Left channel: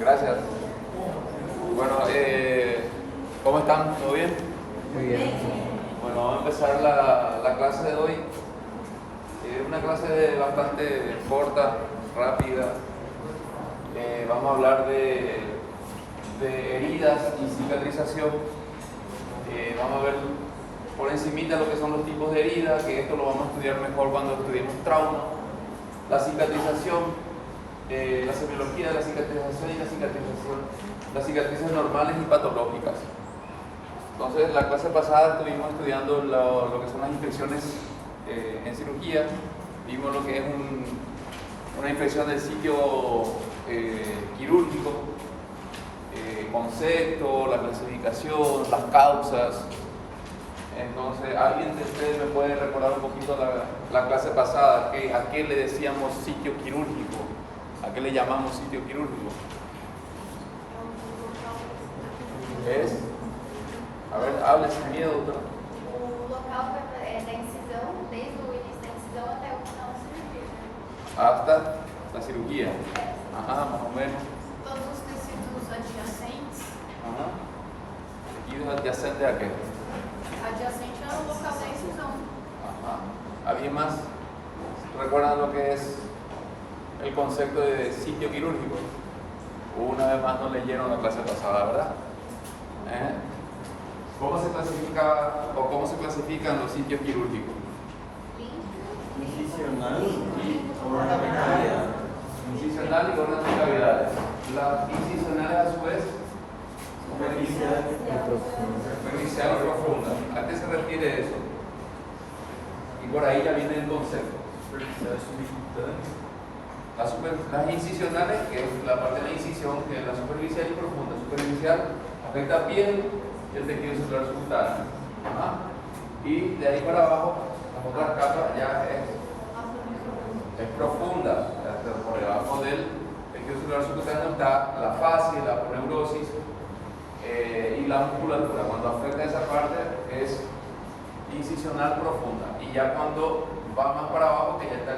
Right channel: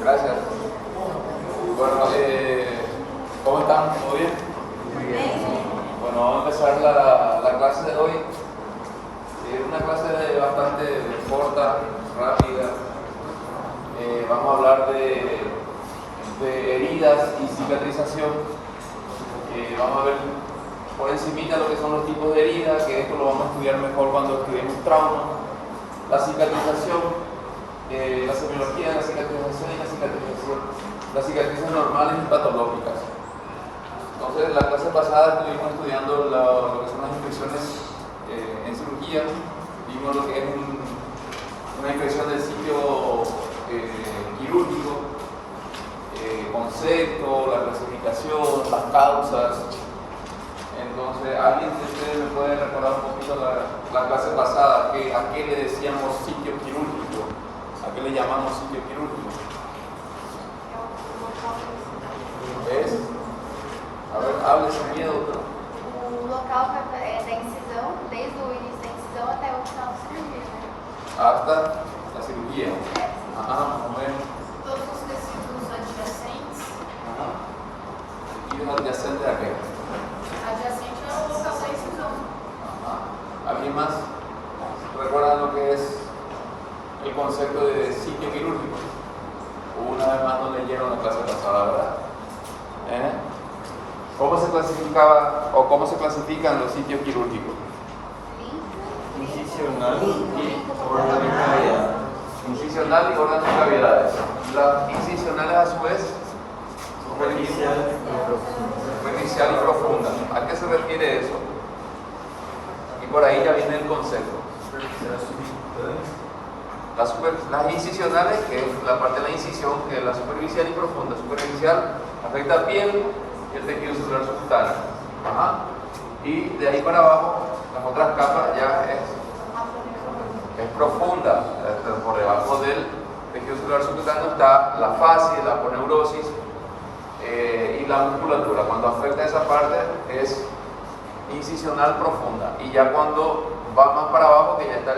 Gracias. Bueno, ¿cómo están? ¿Todo bien? Muy bien. Bueno, vamos a empezar la clase de hoy. Una clase bastante corta, rápida. Vamos a hablar de heridas y cicatrización. Vamos a ver por encimita lo que son los tipos de heridas, que esto lo vamos a estudiar mejor cuando estudiemos trauma. La cicatrización, la semiología de la cicatrización y la cicatrización. Las cicatrices normales y patológicas. Entonces, la clase pasada estuvimos estudiando lo que son las infecciones en cirugía. Vimos lo que es una infección del sitio quirúrgico, concepto, la clasificación, las causas. Entonces, ¿alguien de ustedes me puede recordar un poquito la clase pasada? ¿A qué le decíamos sitio quirúrgico? ¿A qué le llamamos sitio quirúrgico? ¿Es? A ver, hable sin miedo. O local da incisão, desde o início da incisão até o final da cirurgia. Hasta la cirugía. Ajá, vamos a ver. Todos os tecidos adjacentes. Ajá. ¿Y un adyacente a qué? Adjacente é o local da incisão. Ajá. ¿Alguien más? ¿Recuerdan lo que es el concepto de sitio quirúrgico? Una vez más no leyeron la clase pasada, ¿verdad? ¿Cómo se clasificaba o cómo se clasifican los sitios quirúrgicos? Incisional y órgano de cavidad. Incisional y órganos de cavidades. Las incisionales a su vez Superficial y profunda. superficial y profunda. ¿A qué se refiere eso? Y por ahí ya viene el concepto. Superficial subcutánea. Las incisionales, que es la parte de la incisión, que es la superficial y profunda. Superficial afecta a piel y el tejido celular subcutáneo. Ajá. Y de ahí para abajo, las otras capas ya es profunda. Por debajo del tejido celular subcutáneo está la fascia, la aponeurosis y la musculatura. Cuando afecta esa parte es incisional profunda. Y ya cuando va más para abajo, que ya está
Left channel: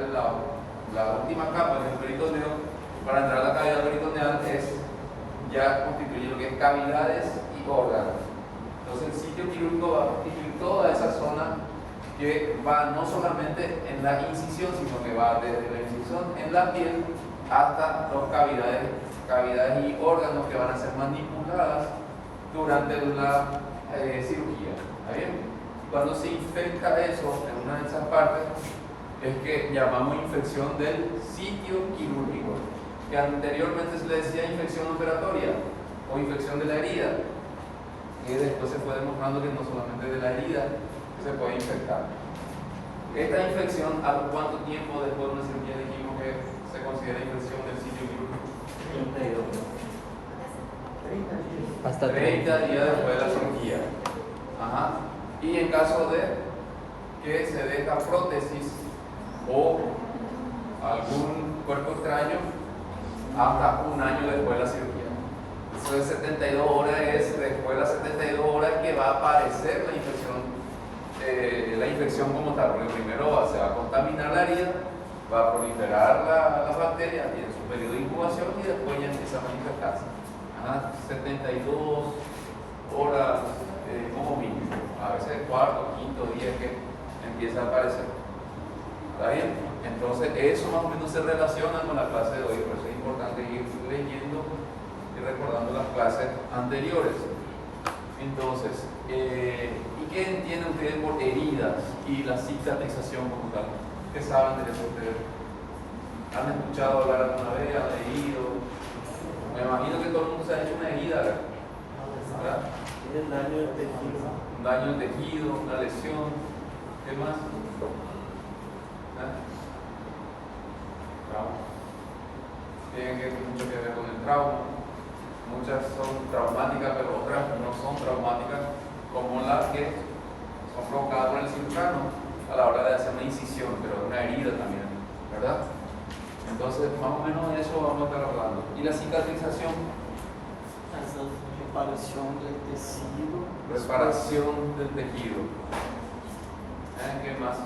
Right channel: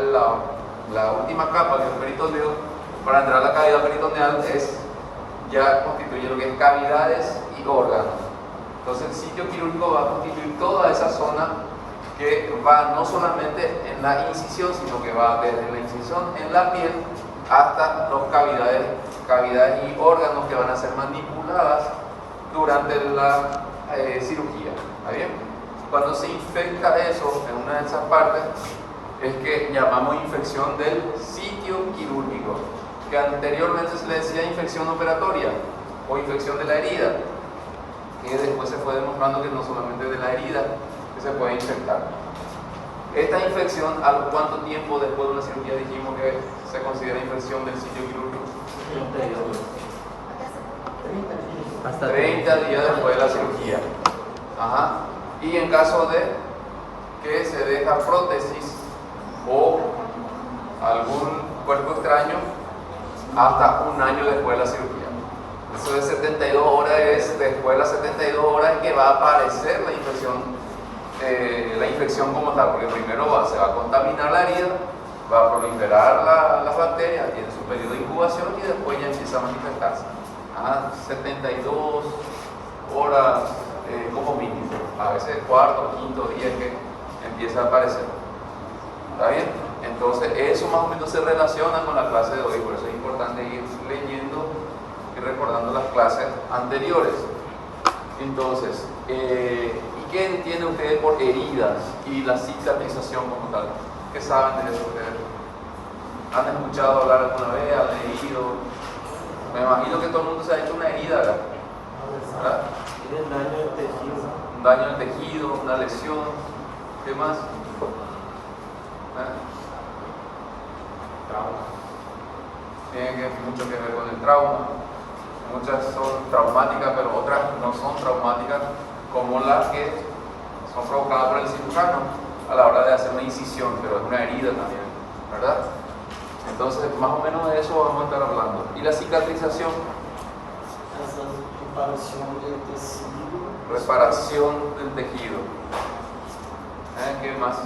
la última capa del peritoneo, para entrar a la cavidad peritoneal ya constituye lo que es cavidades y órganos. Entonces el sitio quirúrgico va a constituir toda esa zona que va no solamente en la incisión, sino que va desde la incisión en la piel hasta las cavidades y órganos que van a ser manipuladas durante la cirugía. ¿Está bien? Cuando se infecta eso en una de esas partes, es que llamamos infección del sitio quirúrgico, que anteriormente se le decía infección operatoria o infección de la herida, y después se fue demostrando que no solamente de la herida que se puede infectar. Esta infección, ¿a cuánto tiempo después de la cirugía dijimos que se considera infección del sitio quirúrgico? 30 días después de la cirugía. Ajá. Y en caso de que se deja prótesis o algún cuerpo extraño, hasta un año después de la cirugía. Eso de 72 horas es después de las 72 horas que va a aparecer la infección como tal, porque primero se va a contaminar la herida, va a proliferar las bacterias, tiene su periodo de incubación y después ya empieza a manifestarse. 72 horas como mínimo, a veces cuarto, quinto día que empieza a aparecer. ¿Está bien? Entonces eso más o menos se relaciona con la clase de hoy, por eso es importante ir leyendo y recordando las clases anteriores. Entonces, ¿y qué entienden ustedes por heridas y la cicatrización como tal? ¿Qué saben de eso ustedes? ¿Han escuchado hablar alguna vez? ¿Han leído? Me imagino que todo el mundo se ha hecho una herida, ¿verdad? Tiene daño del tejido. Un daño del tejido, una lesión. ¿Qué más? Trauma. Tiene mucho que ver con el trauma. Muchas son traumáticas, pero otras no son traumáticas, como las que son provocadas por el cirujano a la hora de hacer una incisión, pero es una herida también, ¿verdad? Entonces, más o menos de eso vamos a estar hablando. ¿Y la cicatrización? Reparación del tejido. Reparación del tejido. ¿Qué más?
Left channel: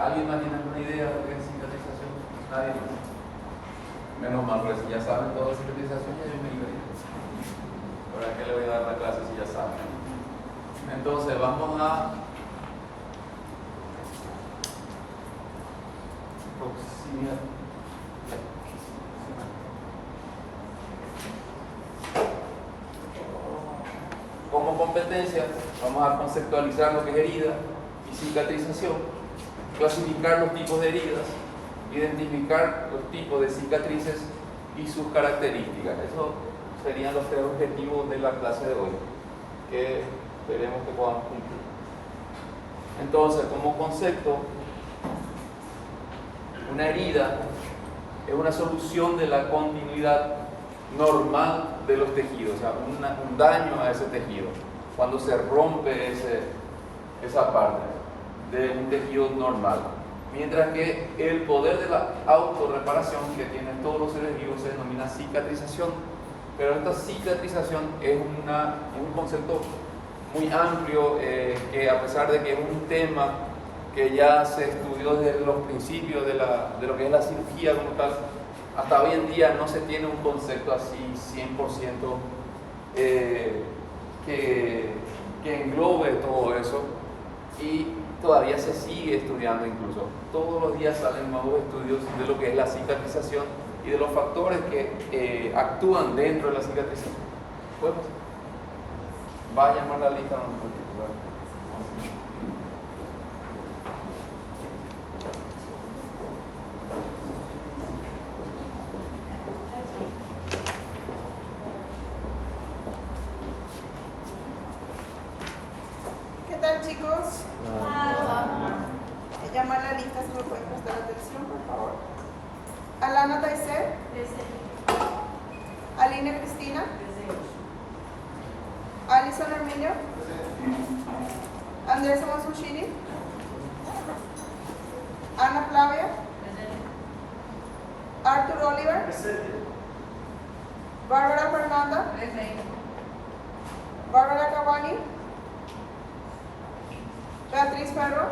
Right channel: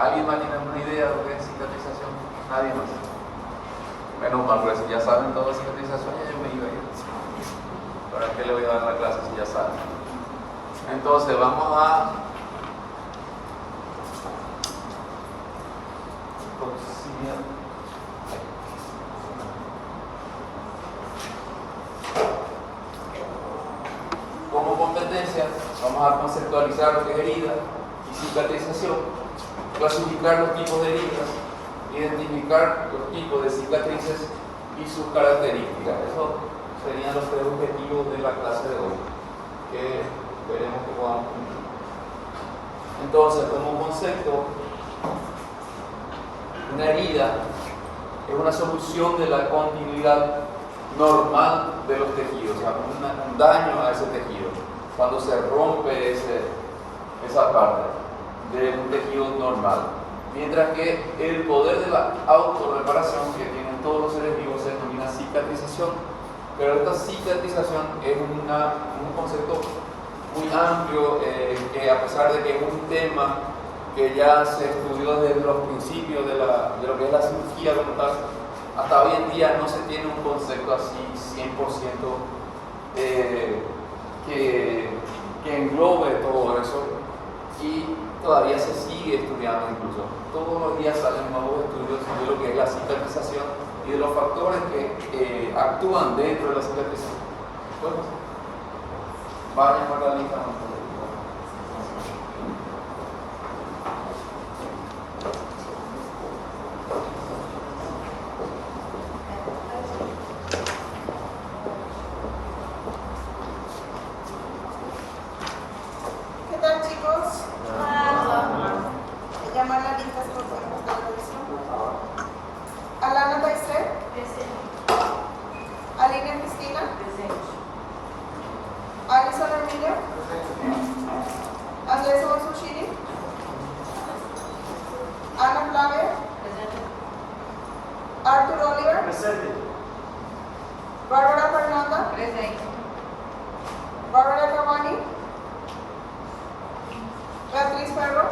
¿Alguien más tiene alguna idea de lo que es cicatrización? Nadie más. Menos mal, pues si ya saben todas las cicatrizaciones, yo me iba a ir. ¿Para qué le voy a dar la clase si ya saben? Entonces vamos a como competencia, vamos a conceptualizar lo que es herida y cicatrización, clasificar los tipos de heridas, identificar los tipos de cicatrices y sus características. Eso serían los tres objetivos de la clase de hoy, que esperemos que podamos cumplir. Entonces, como concepto, una herida es una solución de la continuidad normal de los tejidos, o sea, un daño a ese tejido, cuando se rompe esa parte de un tejido normal. Mientras que el poder de la autorreparación que tienen todos los seres vivos se denomina cicatrización. Pero esta cicatrización es un concepto muy amplio, que a pesar de que es un tema que ya se estudió desde los principios de lo que es la cirugía como tal, hasta hoy en día no se tiene un concepto así 100% que englobe todo eso, y todavía se sigue estudiando incluso. Todos los días salen nuevos estudios de lo que es la cicatrización y de los factores que actúan dentro de la cicatrización. Pues, vayan a la lista. ¿Qué tal, chicos? Me llaman a listas por favor de la atención, por favor. Alana Taiser. Aline Cristina. Alison Herminio. Andrés Osushiri. Ana Flavia. Arthur Oliver. Bárbara Fernanda. Bárbara Cavani. Beatriz Ferro.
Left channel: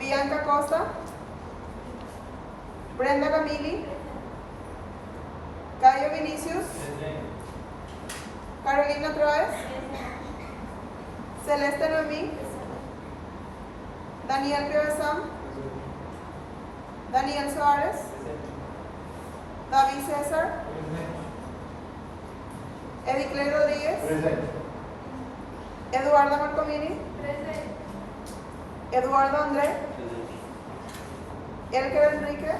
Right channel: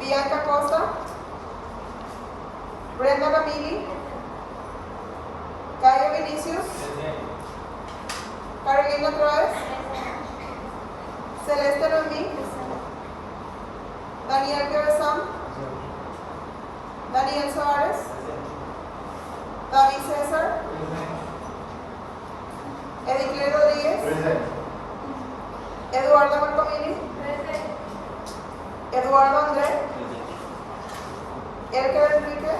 Bianca Costa. Brenda Camili. Cayo Vinicius. Carolina Troes. Celeste Noemí. Daniel Piovesan. Daniel Suárez. David César. Edicley Rodríguez. Eduardo Marcomini. Eduardo André. Elker Enrique.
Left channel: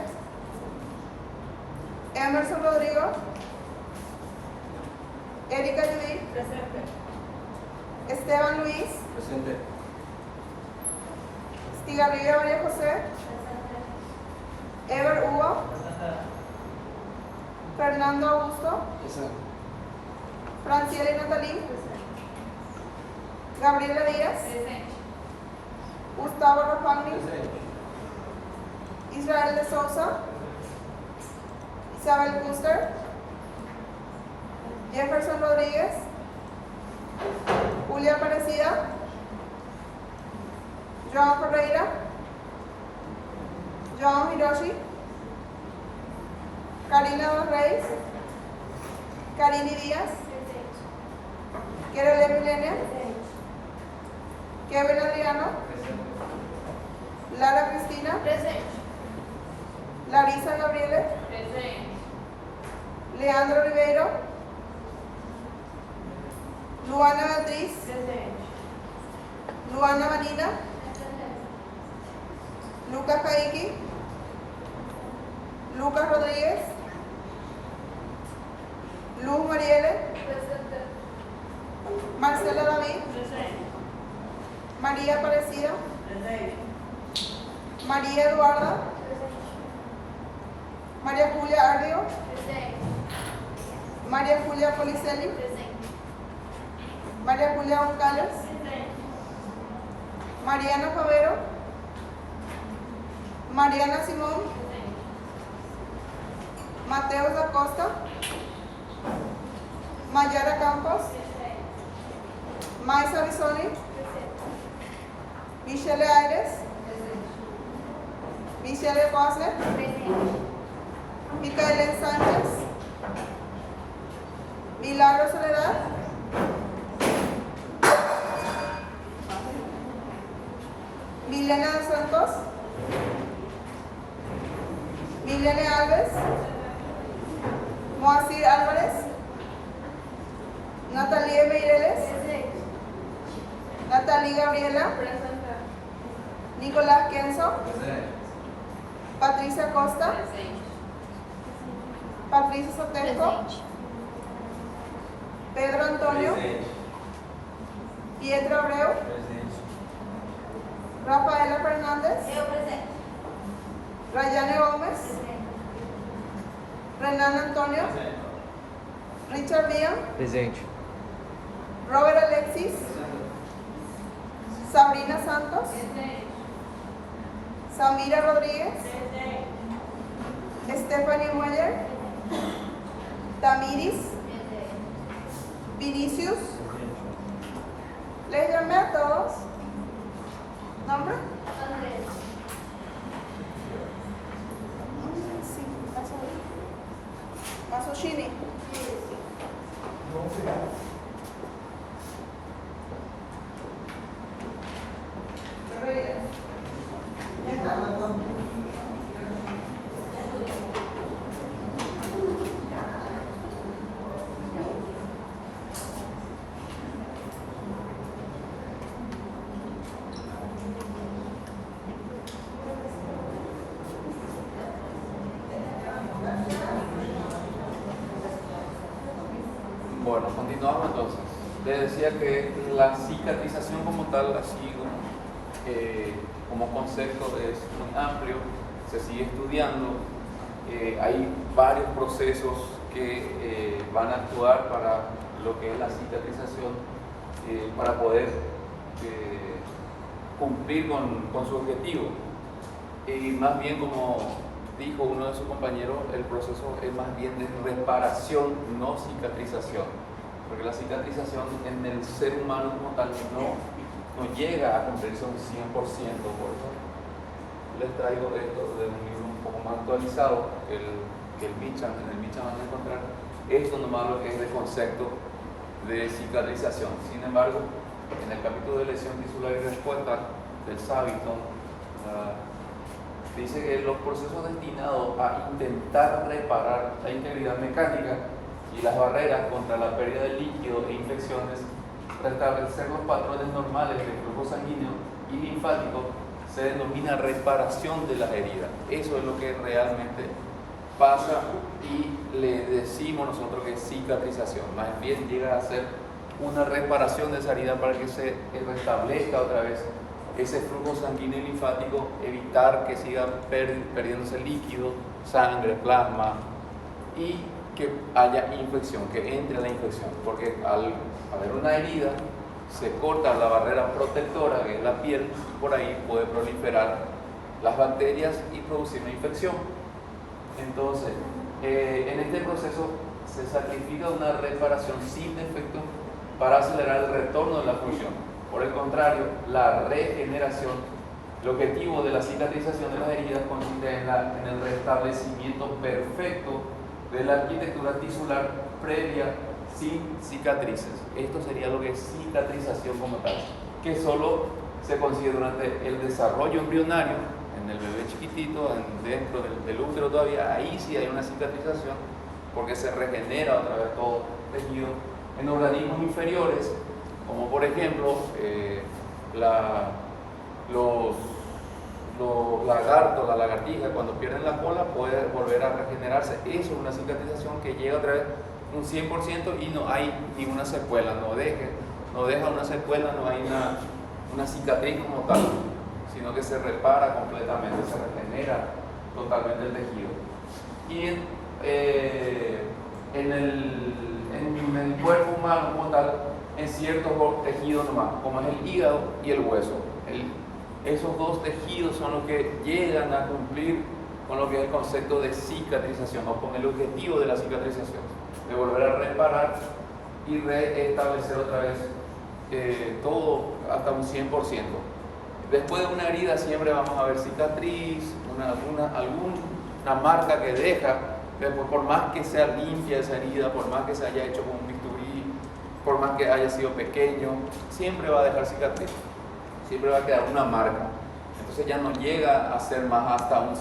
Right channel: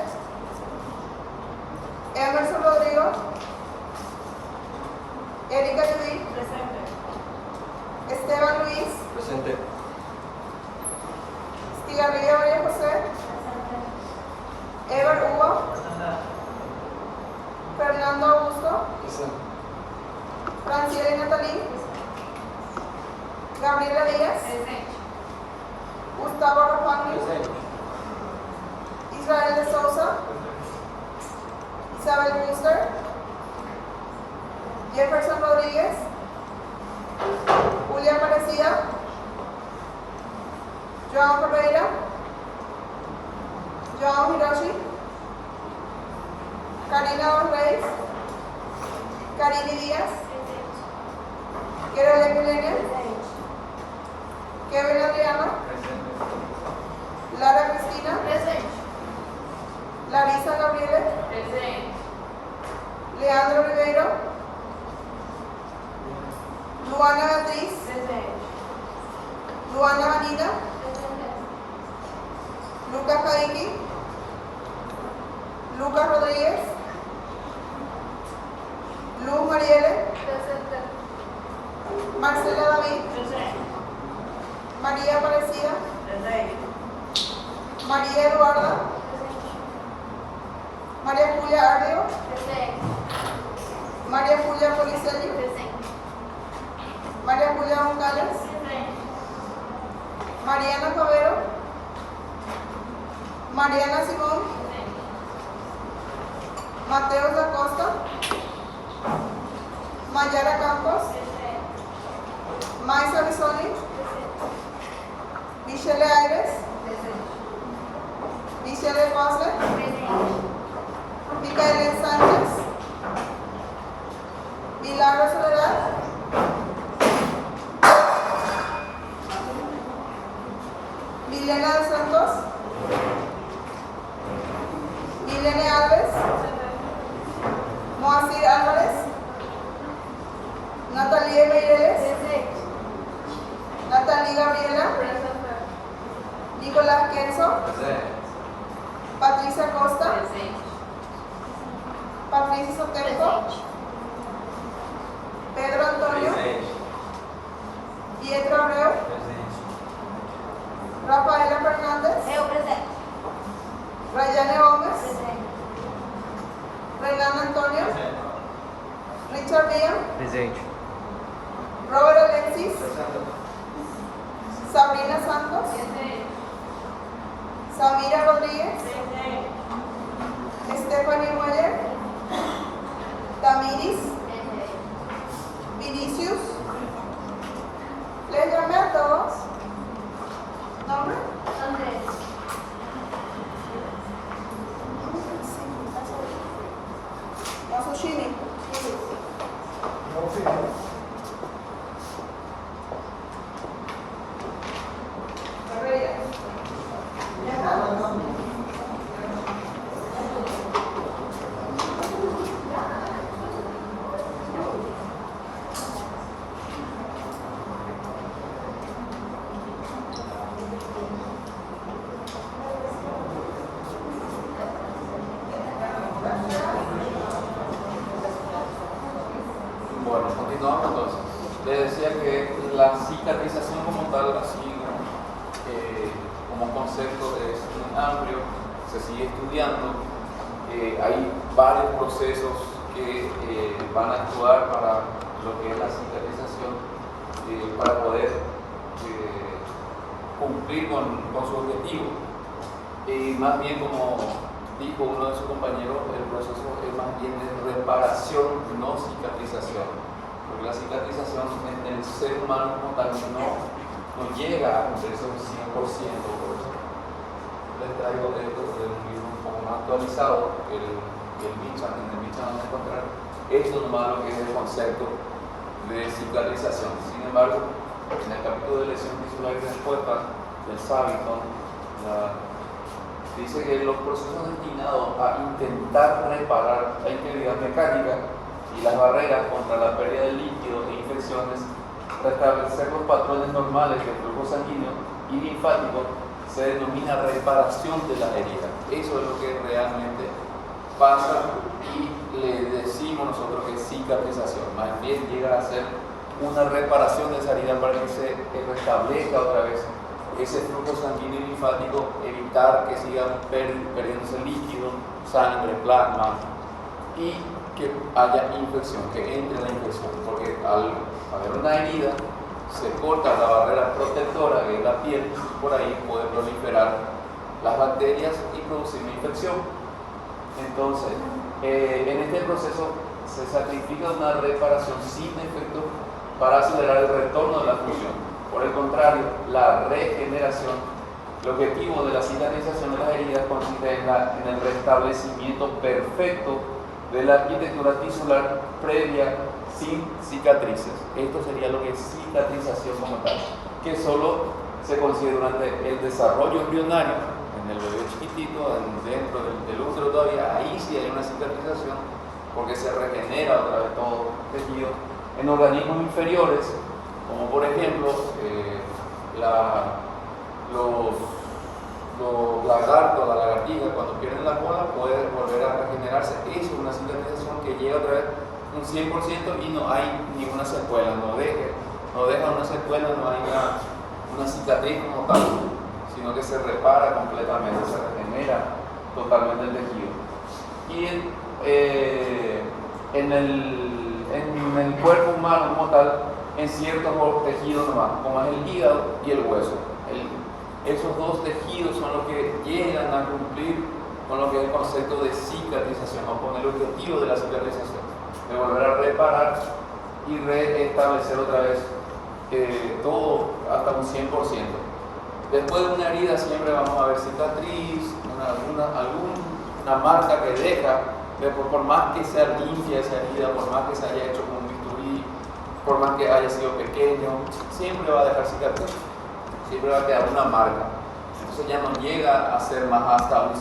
Emerson Rodrigo. Erika Judith. Esteban Luis. Presente. Estigarribia María José. Ever Hugo. Fernando Augusto. Franciela Natalí. Gabriela Díaz. Gustavo Rafael. Israel de Souza. Isabel Buster. Jefferson Rodríguez. Julia Aparecida. Joan Ferreira. Joan Hiroshi. Karina Dos Reyes. Karini Díaz. Kerole Milene. Kevin Adriano. Lara Cristina. Larisa Gabriele. Leandro Ribeiro. Luana Beatriz. Luana Marina. Lucas Caiki. Lucas Rodríguez. Luz Mariele. Marcela David. María Aparecida. María Eduarda. María Julia Ardeo. María Julia Policelli. María Julia González. Mariana Cabero. Mariana Simón. Mateo da Costa. Mayara Campos. Maisa Bisoni. Michelle Aires. Michelle Cosle. Micaela Sánchez, Milagro Soledad, Milena de Santos, Milene Alves, Moacir Álvarez, Natalie Meireles, Natalie Gabriela, Nicolás Kenzo, Patricia Costa, Patricia Soteco, Pedro Antonio, Pietro Abreu, Rafaela Fernández, Eu presente. Rayane Gómez, Presente. Renan Antonio, Richard Díaz, Presente. Robert Alexis, Sabrina Santos, Samira Rodríguez, Stephanie Moyer, Tamiris, Vinicius. Les llamé a todos. ¿Nombre? Andrés. Masushini. Herrera. Ya está. Bueno, continuamos entonces. Les decía que la cicatrización como tal, así como concepto, es muy amplio, se sigue estudiando. Hay varios procesos que van a actuar para lo que es la cicatrización, para poder cumplir con su objetivo. Más bien, como dijo uno de sus compañeros, el proceso es más bien de reparación, no cicatrización, porque la cicatrización en el ser humano como tal no llega a cumplirse un 100%. Por eso les traigo esto de un libro un poco más actualizado, el Mitchell, en el Mitchell van a encontrar esto nomás lo que es el concepto de cicatrización. Sin embargo, en el capítulo de lesión tisular y respuesta del Saviton, dice que los procesos destinados a intentar reparar la integridad mecánica y las barreras contra la pérdida de líquido e infecciones, restablecer los patrones normales de flujo sanguíneo y linfático, se denomina reparación de las heridas. Eso es lo que realmente pasa y le decimos nosotros que es cicatrización. Más bien llega a ser una reparación de esa herida para que se restablezca otra vez ese flujo sanguíneo y linfático, evitar que sigamos perdiéndose líquido, sangre, plasma y que haya infección, que entre la infección, porque al haber una herida se corta la barrera protectora que es la piel, por ahí puede proliferar las bacterias y producir una infección. Entonces, en este proceso se sacrifica una reparación sin defecto para acelerar el retorno de la función. Por el contrario, la regeneración, el objetivo de la cicatrización de las heridas consiste en el restablecimiento perfecto de la arquitectura tisular previa sin cicatrices. Esto sería lo que es cicatrización como tal, que solo se consigue durante el desarrollo embrionario, en el bebé chiquitito, dentro del útero todavía, ahí sí hay una cicatrización, porque se regenera otra vez todo el tejido. En organismos inferiores, como por ejemplo los lagartos, la lagartija, cuando pierden la cola puede volver a regenerarse. Eso es una cicatrización que llega otra vez un 100% y no hay ninguna secuela, no deja una secuela, no hay una cicatriz como tal, sino que se repara completamente, se regenera totalmente el tejido. Y en el cuerpo humano como tal, en ciertos tejidos nomás, como es el hígado y el hueso. Esos dos tejidos son los que llegan a cumplir con lo que es el concepto de cicatrización, o con el objetivo de la cicatrización, de volver a reparar y restablecer otra vez todo hasta un 100%. Después de una herida siempre vamos a ver cicatriz, alguna marca que deja Después, por más que sea limpia esa herida, por más que se haya hecho con un bisturí, por más que haya sido pequeño, siempre va a dejar cicatriz, siempre va a quedar una marca. Entonces ya no llega a ser más hasta un 100%.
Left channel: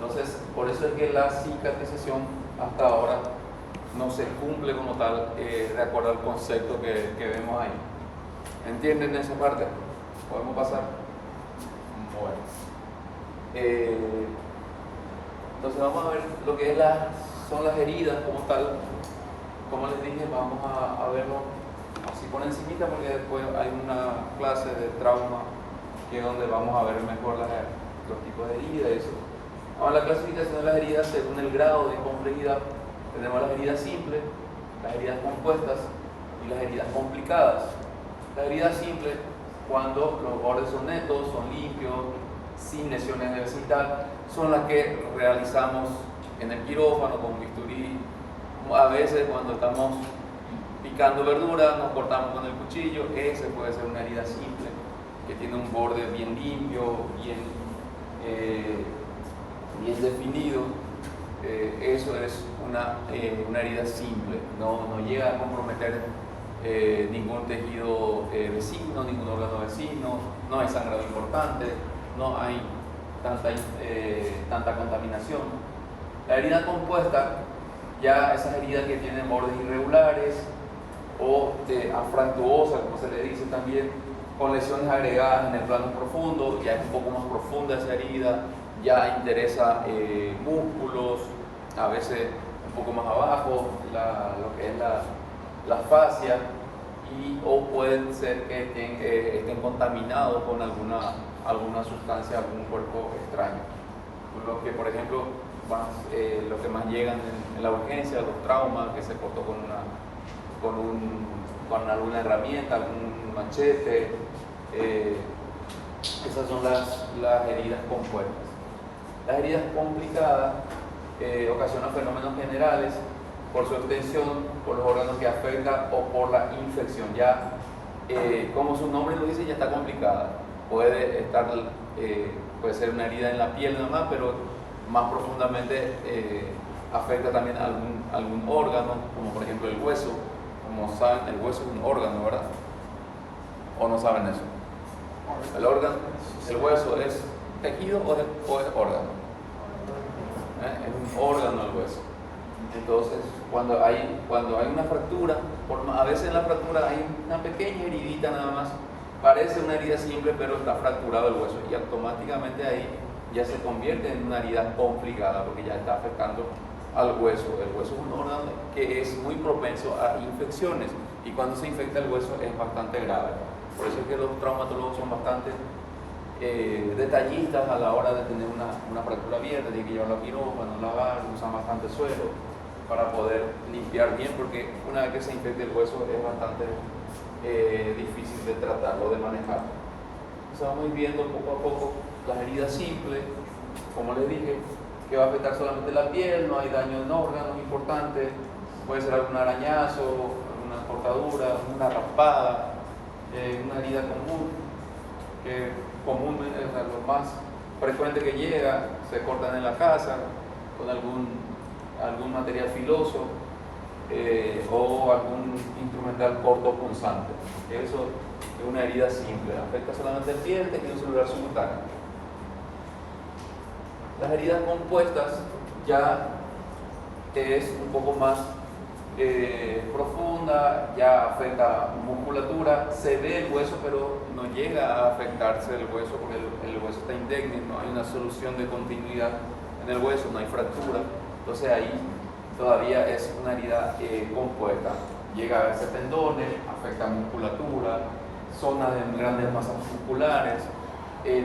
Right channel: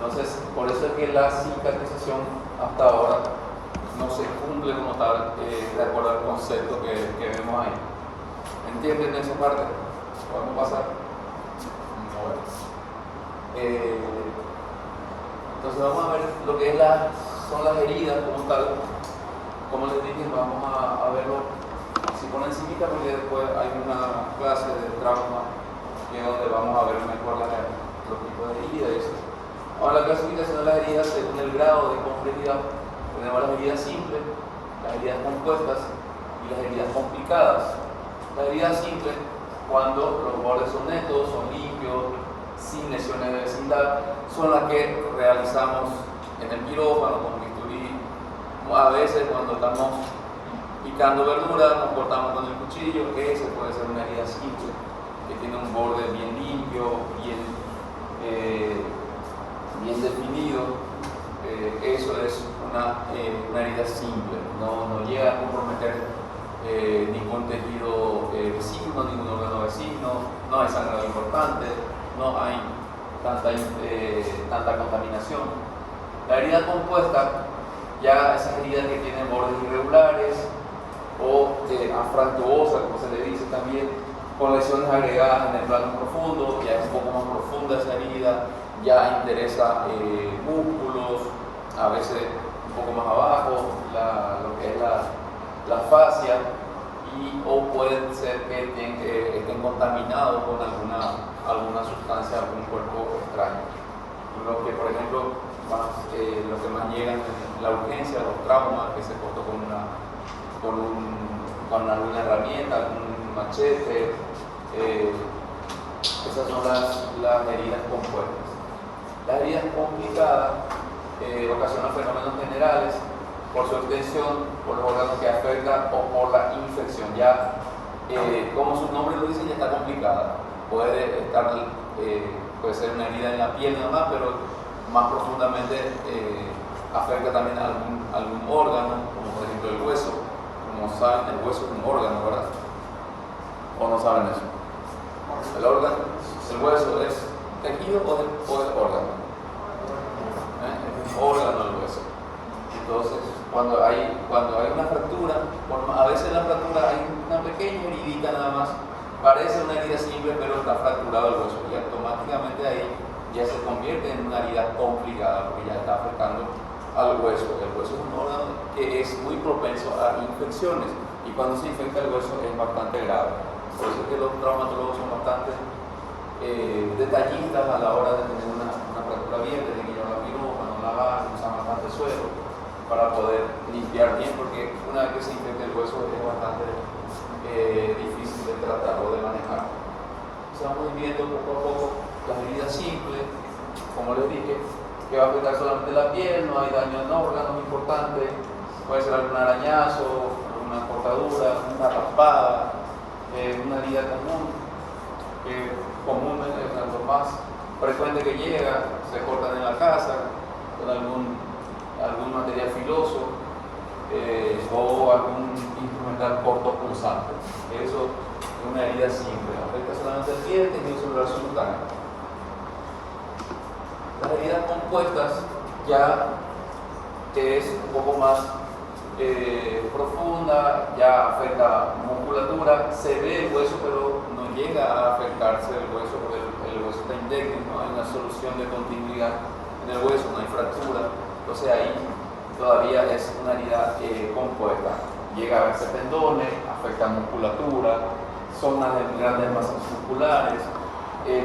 Entonces, por eso es que la cicatrización hasta ahora no se cumple como tal, de acuerdo al concepto que vemos ahí. ¿Entienden esa parte? ¿Podemos pasar? Bueno. Entonces vamos a ver lo que son las heridas como tal. Como les dije, vamos a verlo así por encimita, porque después hay una clase de trauma que es donde vamos a ver mejor los tipos de heridas y eso. Ahora, la clasificación de las heridas según el grado de complejidad. Tenemos las heridas simples, las heridas compuestas y las heridas complicadas. Las heridas simples, cuando los bordes son netos, son limpios, sin lesiones de vecindad, son las que realizamos en el quirófano con bisturí. A veces cuando estamos picando verdura, nos cortamos con el cuchillo, ese puede ser una herida simple, que tiene un borde bien limpio, bien definido. Eso es una herida simple, no llega a comprometer ningún tejido vecino, ningún órgano vecino, no hay sangrado importante, no hay tanta contaminación. La herida compuesta, ya esas heridas que tienen bordes irregulares o afractuosa, como se le dice también, con lesiones agregadas en el plano profundo, ya es un poco más profunda esa herida, ya interesa músculos, a veces un poco más abajo, lo que es la fascia, o puede ser que estén contaminados con alguna sustancia, algún cuerpo extraño. Los que, por ejemplo, lo que más llegan en la urgencia, los traumas, que se cortó con alguna herramienta, algún machete, esas son las heridas compuestas. Las heridas complicadas ocasionan fenómenos generales por su extensión, por los órganos que afectan o por la infección. Ya, como su nombre lo dice, ya está complicada. Puede ser una herida en la piel nada más, pero más profundamente afecta también algún órgano, como por ejemplo el hueso. Como saben, el hueso es un órgano, ¿verdad? ¿O no saben eso? El hueso es tejido o es órgano. Es un órgano el hueso. Entonces, cuando hay una fractura, a veces en la fractura hay una pequeña heridita nada más, parece una herida simple, pero está fracturado el hueso y automáticamente ahí ya se convierte en una herida complicada porque ya está afectando al hueso. El hueso es un órgano que es muy propenso a infecciones y cuando se infecta el hueso es bastante grave. Por eso es que los traumatólogos son bastante detallistas a la hora de tener una fractura abierta, de que llevar la quirófano, lavar, usar bastante suero para poder limpiar bien, porque una vez que se infecta el hueso es bastante difícil de tratar o de manejar. Estamos viendo poco a poco las heridas simples, como les dije, que va a afectar solamente la piel, no hay daño en órganos importantes, puede ser algún arañazo, alguna cortadura, una raspada, una herida común es lo más frecuente que llega, se cortan en la casa con algún material filoso o algún instrumental cortopunzante. Eso es una herida simple, afecta solamente el pie, tejido celular subcutáneo. Las heridas compuestas ya es un poco más profunda, ya afecta musculatura, se ve el hueso pero no llega a afectarse el hueso porque el hueso está indemne, no hay una solución de continuidad en el hueso, no hay fractura, entonces ahí todavía es una herida compuesta, llega a verse tendones, afecta musculatura, zonas de grandes masas musculares,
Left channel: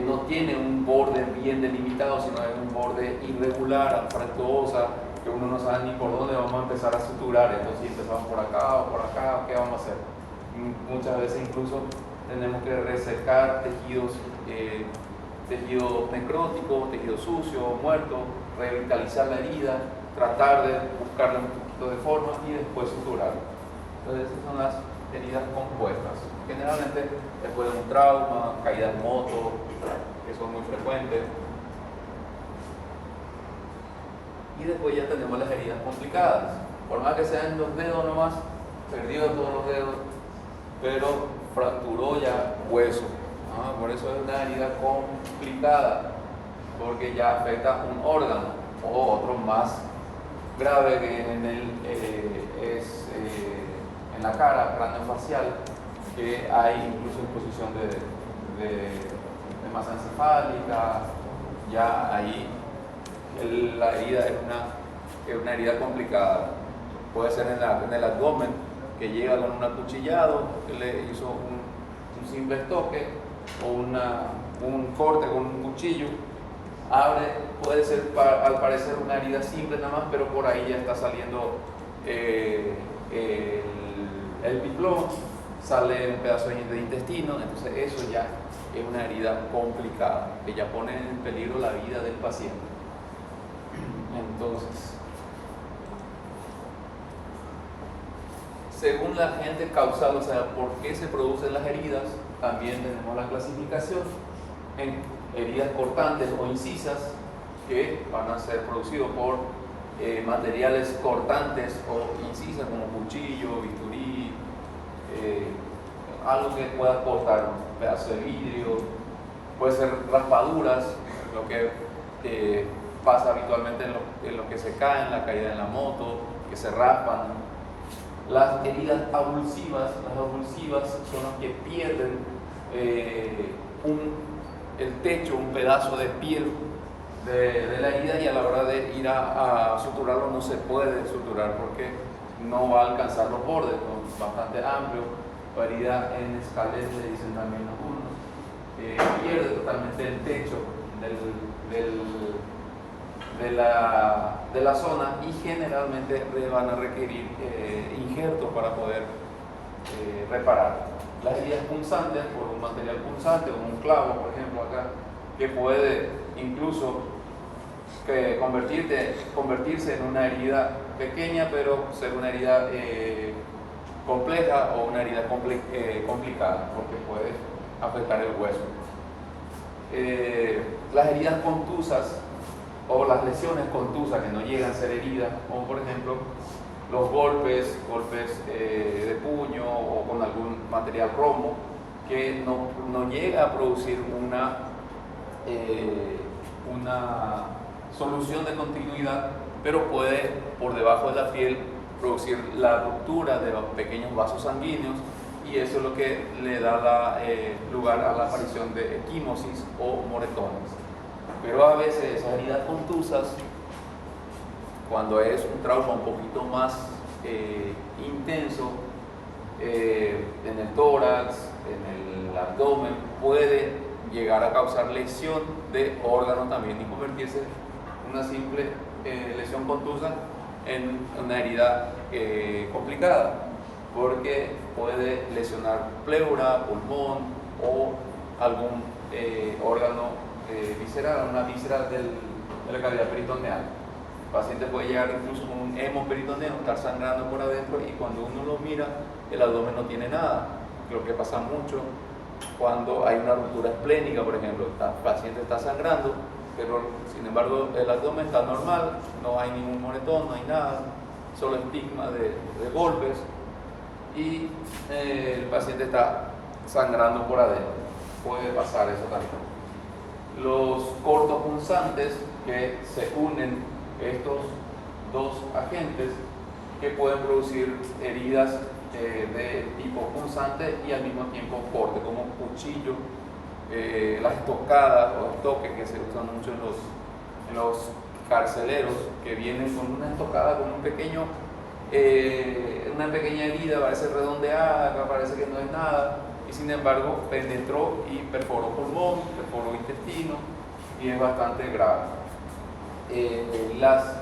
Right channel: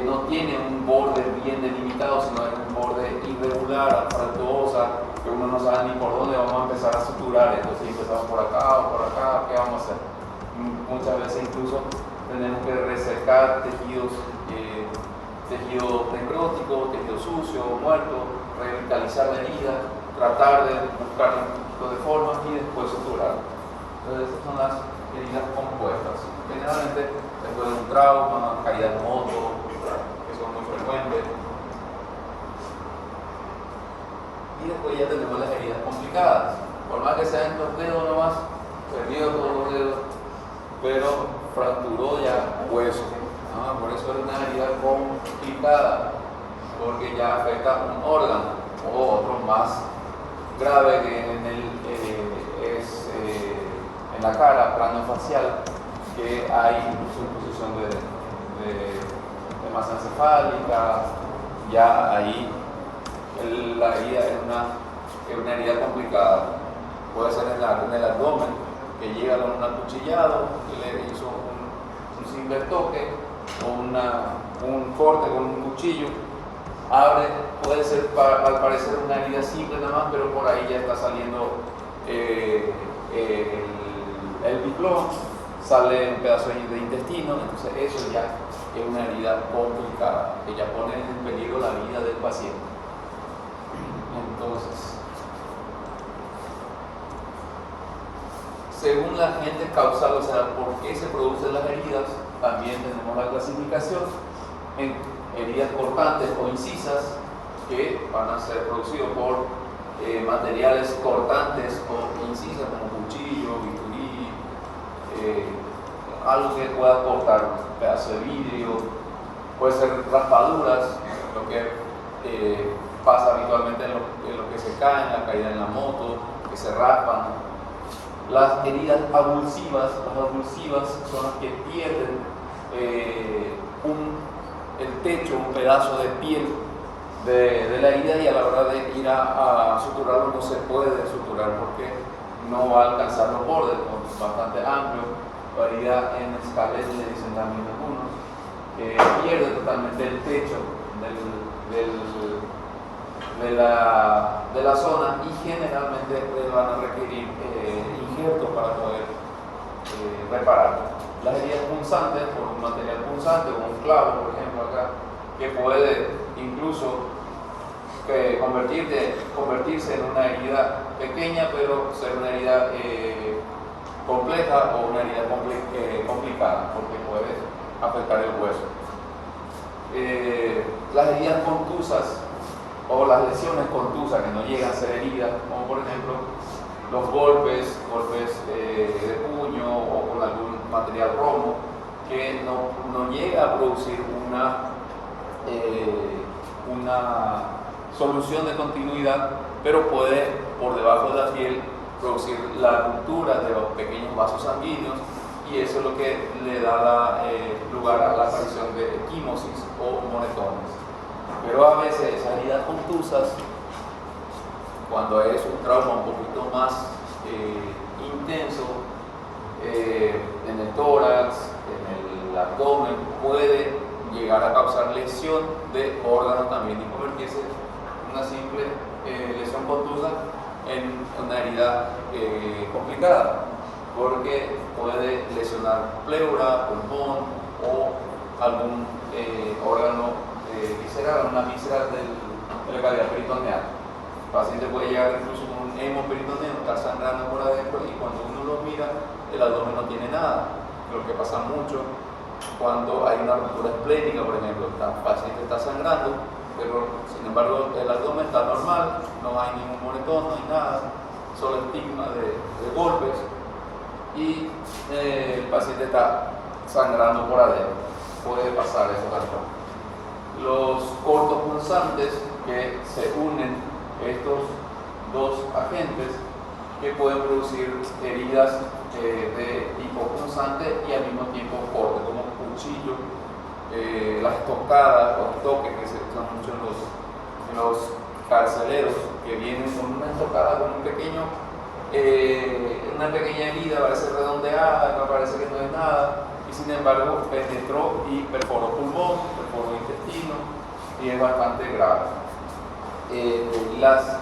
no tiene un borde bien delimitado, sino es un borde irregular, fractuosa, que uno no sabe ni por dónde vamos a empezar a suturar, entonces empezamos por acá o por acá, ¿qué vamos a hacer? Muchas veces incluso tenemos que resecar tejido necrótico, tejido sucio, muerto, revitalizar la herida, tratar de buscar un poquito de forma y después suturar. Entonces esas son las heridas compuestas. Generalmente después de un trauma, caída de moto, que son muy frecuentes. y después ya tenemos las heridas complicadas. Por más que sean los dedos nomás, perdido todos los dedos, pero fracturó ya hueso, ¿no? Por eso es una herida complicada, porque ya afecta un órgano o otro más grave que en la cara, craneofacial, que hay incluso exposición de masa encefálica. Ya ahí la herida es una herida complicada. Puede ser en el abdomen, que llega con un acuchillado, que le hizo un simple toque o un corte con un cuchillo. Abre, puede ser al parecer una herida simple nada más, pero por ahí ya está saliendo el piclón, sale un pedazo de intestino, entonces eso ya es una herida complicada, que ya pone en peligro la vida del paciente. Entonces, según la agente causal, o sea, por qué se producen las heridas, también tenemos la clasificación en heridas cortantes o incisas, que van a ser producidos por materiales cortantes o incisas como cuchillo, bisturí, algo que pueda cortar, un pedazo de vidrio, puede ser raspaduras, lo que pasa habitualmente en lo que se caen, la caída en la moto, que se raspan. Las heridas avulsivas, son las que pierden el techo, un pedazo de piel de la herida, y a la hora de ir a suturarlo no se puede suturar porque no va a alcanzar los bordes, bastante amplio. La herida en escalés, le dicen también algunos, que pierde totalmente el techo de la zona, y generalmente van a requerir injertos para poder reparar. Las heridas punzantes, por un material punzante, como un clavo, por ejemplo, acá, que puede incluso convertirse en una herida pequeña, pero ser una herida compleja o una herida complicada, porque puede afectar el hueso. Las heridas contusas o las lesiones contusas que no llegan a ser heridas, como por ejemplo los golpes de puño o con algún material romo, que no llega a producir una solución de continuidad, pero puede por debajo de la piel producir la ruptura de los pequeños vasos sanguíneos, y eso es lo que le da lugar a la aparición de equimosis o moretones. Pero a veces esas heridas contusas, cuando es un trauma un poquito más intenso, en el tórax, en el abdomen, puede llegar a causar lesión de órganos también y convertirse en una simple lesión contusa en una herida complicada, porque puede lesionar pleura, pulmón o algún órgano visceral, una víscera de la cavidad peritoneal. El paciente puede llegar incluso con un hemoperitoneo, estar sangrando por adentro, y cuando uno lo mira, el abdomen no tiene nada. Lo que pasa mucho cuando hay una ruptura esplénica, por ejemplo, el paciente está sangrando, pero sin embargo el abdomen está normal, no hay ningún moretón, no hay nada, solo estigma de golpes, y el paciente está sangrando por adentro. Puede pasar eso también. Los cortopunzantes, que se unen estos dos agentes, que pueden producir heridas de tipo punzante y al mismo tiempo corte, como cuchillo, las estocadas o estoques que se usan mucho en los carceleros, que vienen con una estocada, con una pequeña herida, parece redondeada, parece que no es nada, y sin embargo penetró y perforó pulmón, perforó intestino, y es bastante grave. Las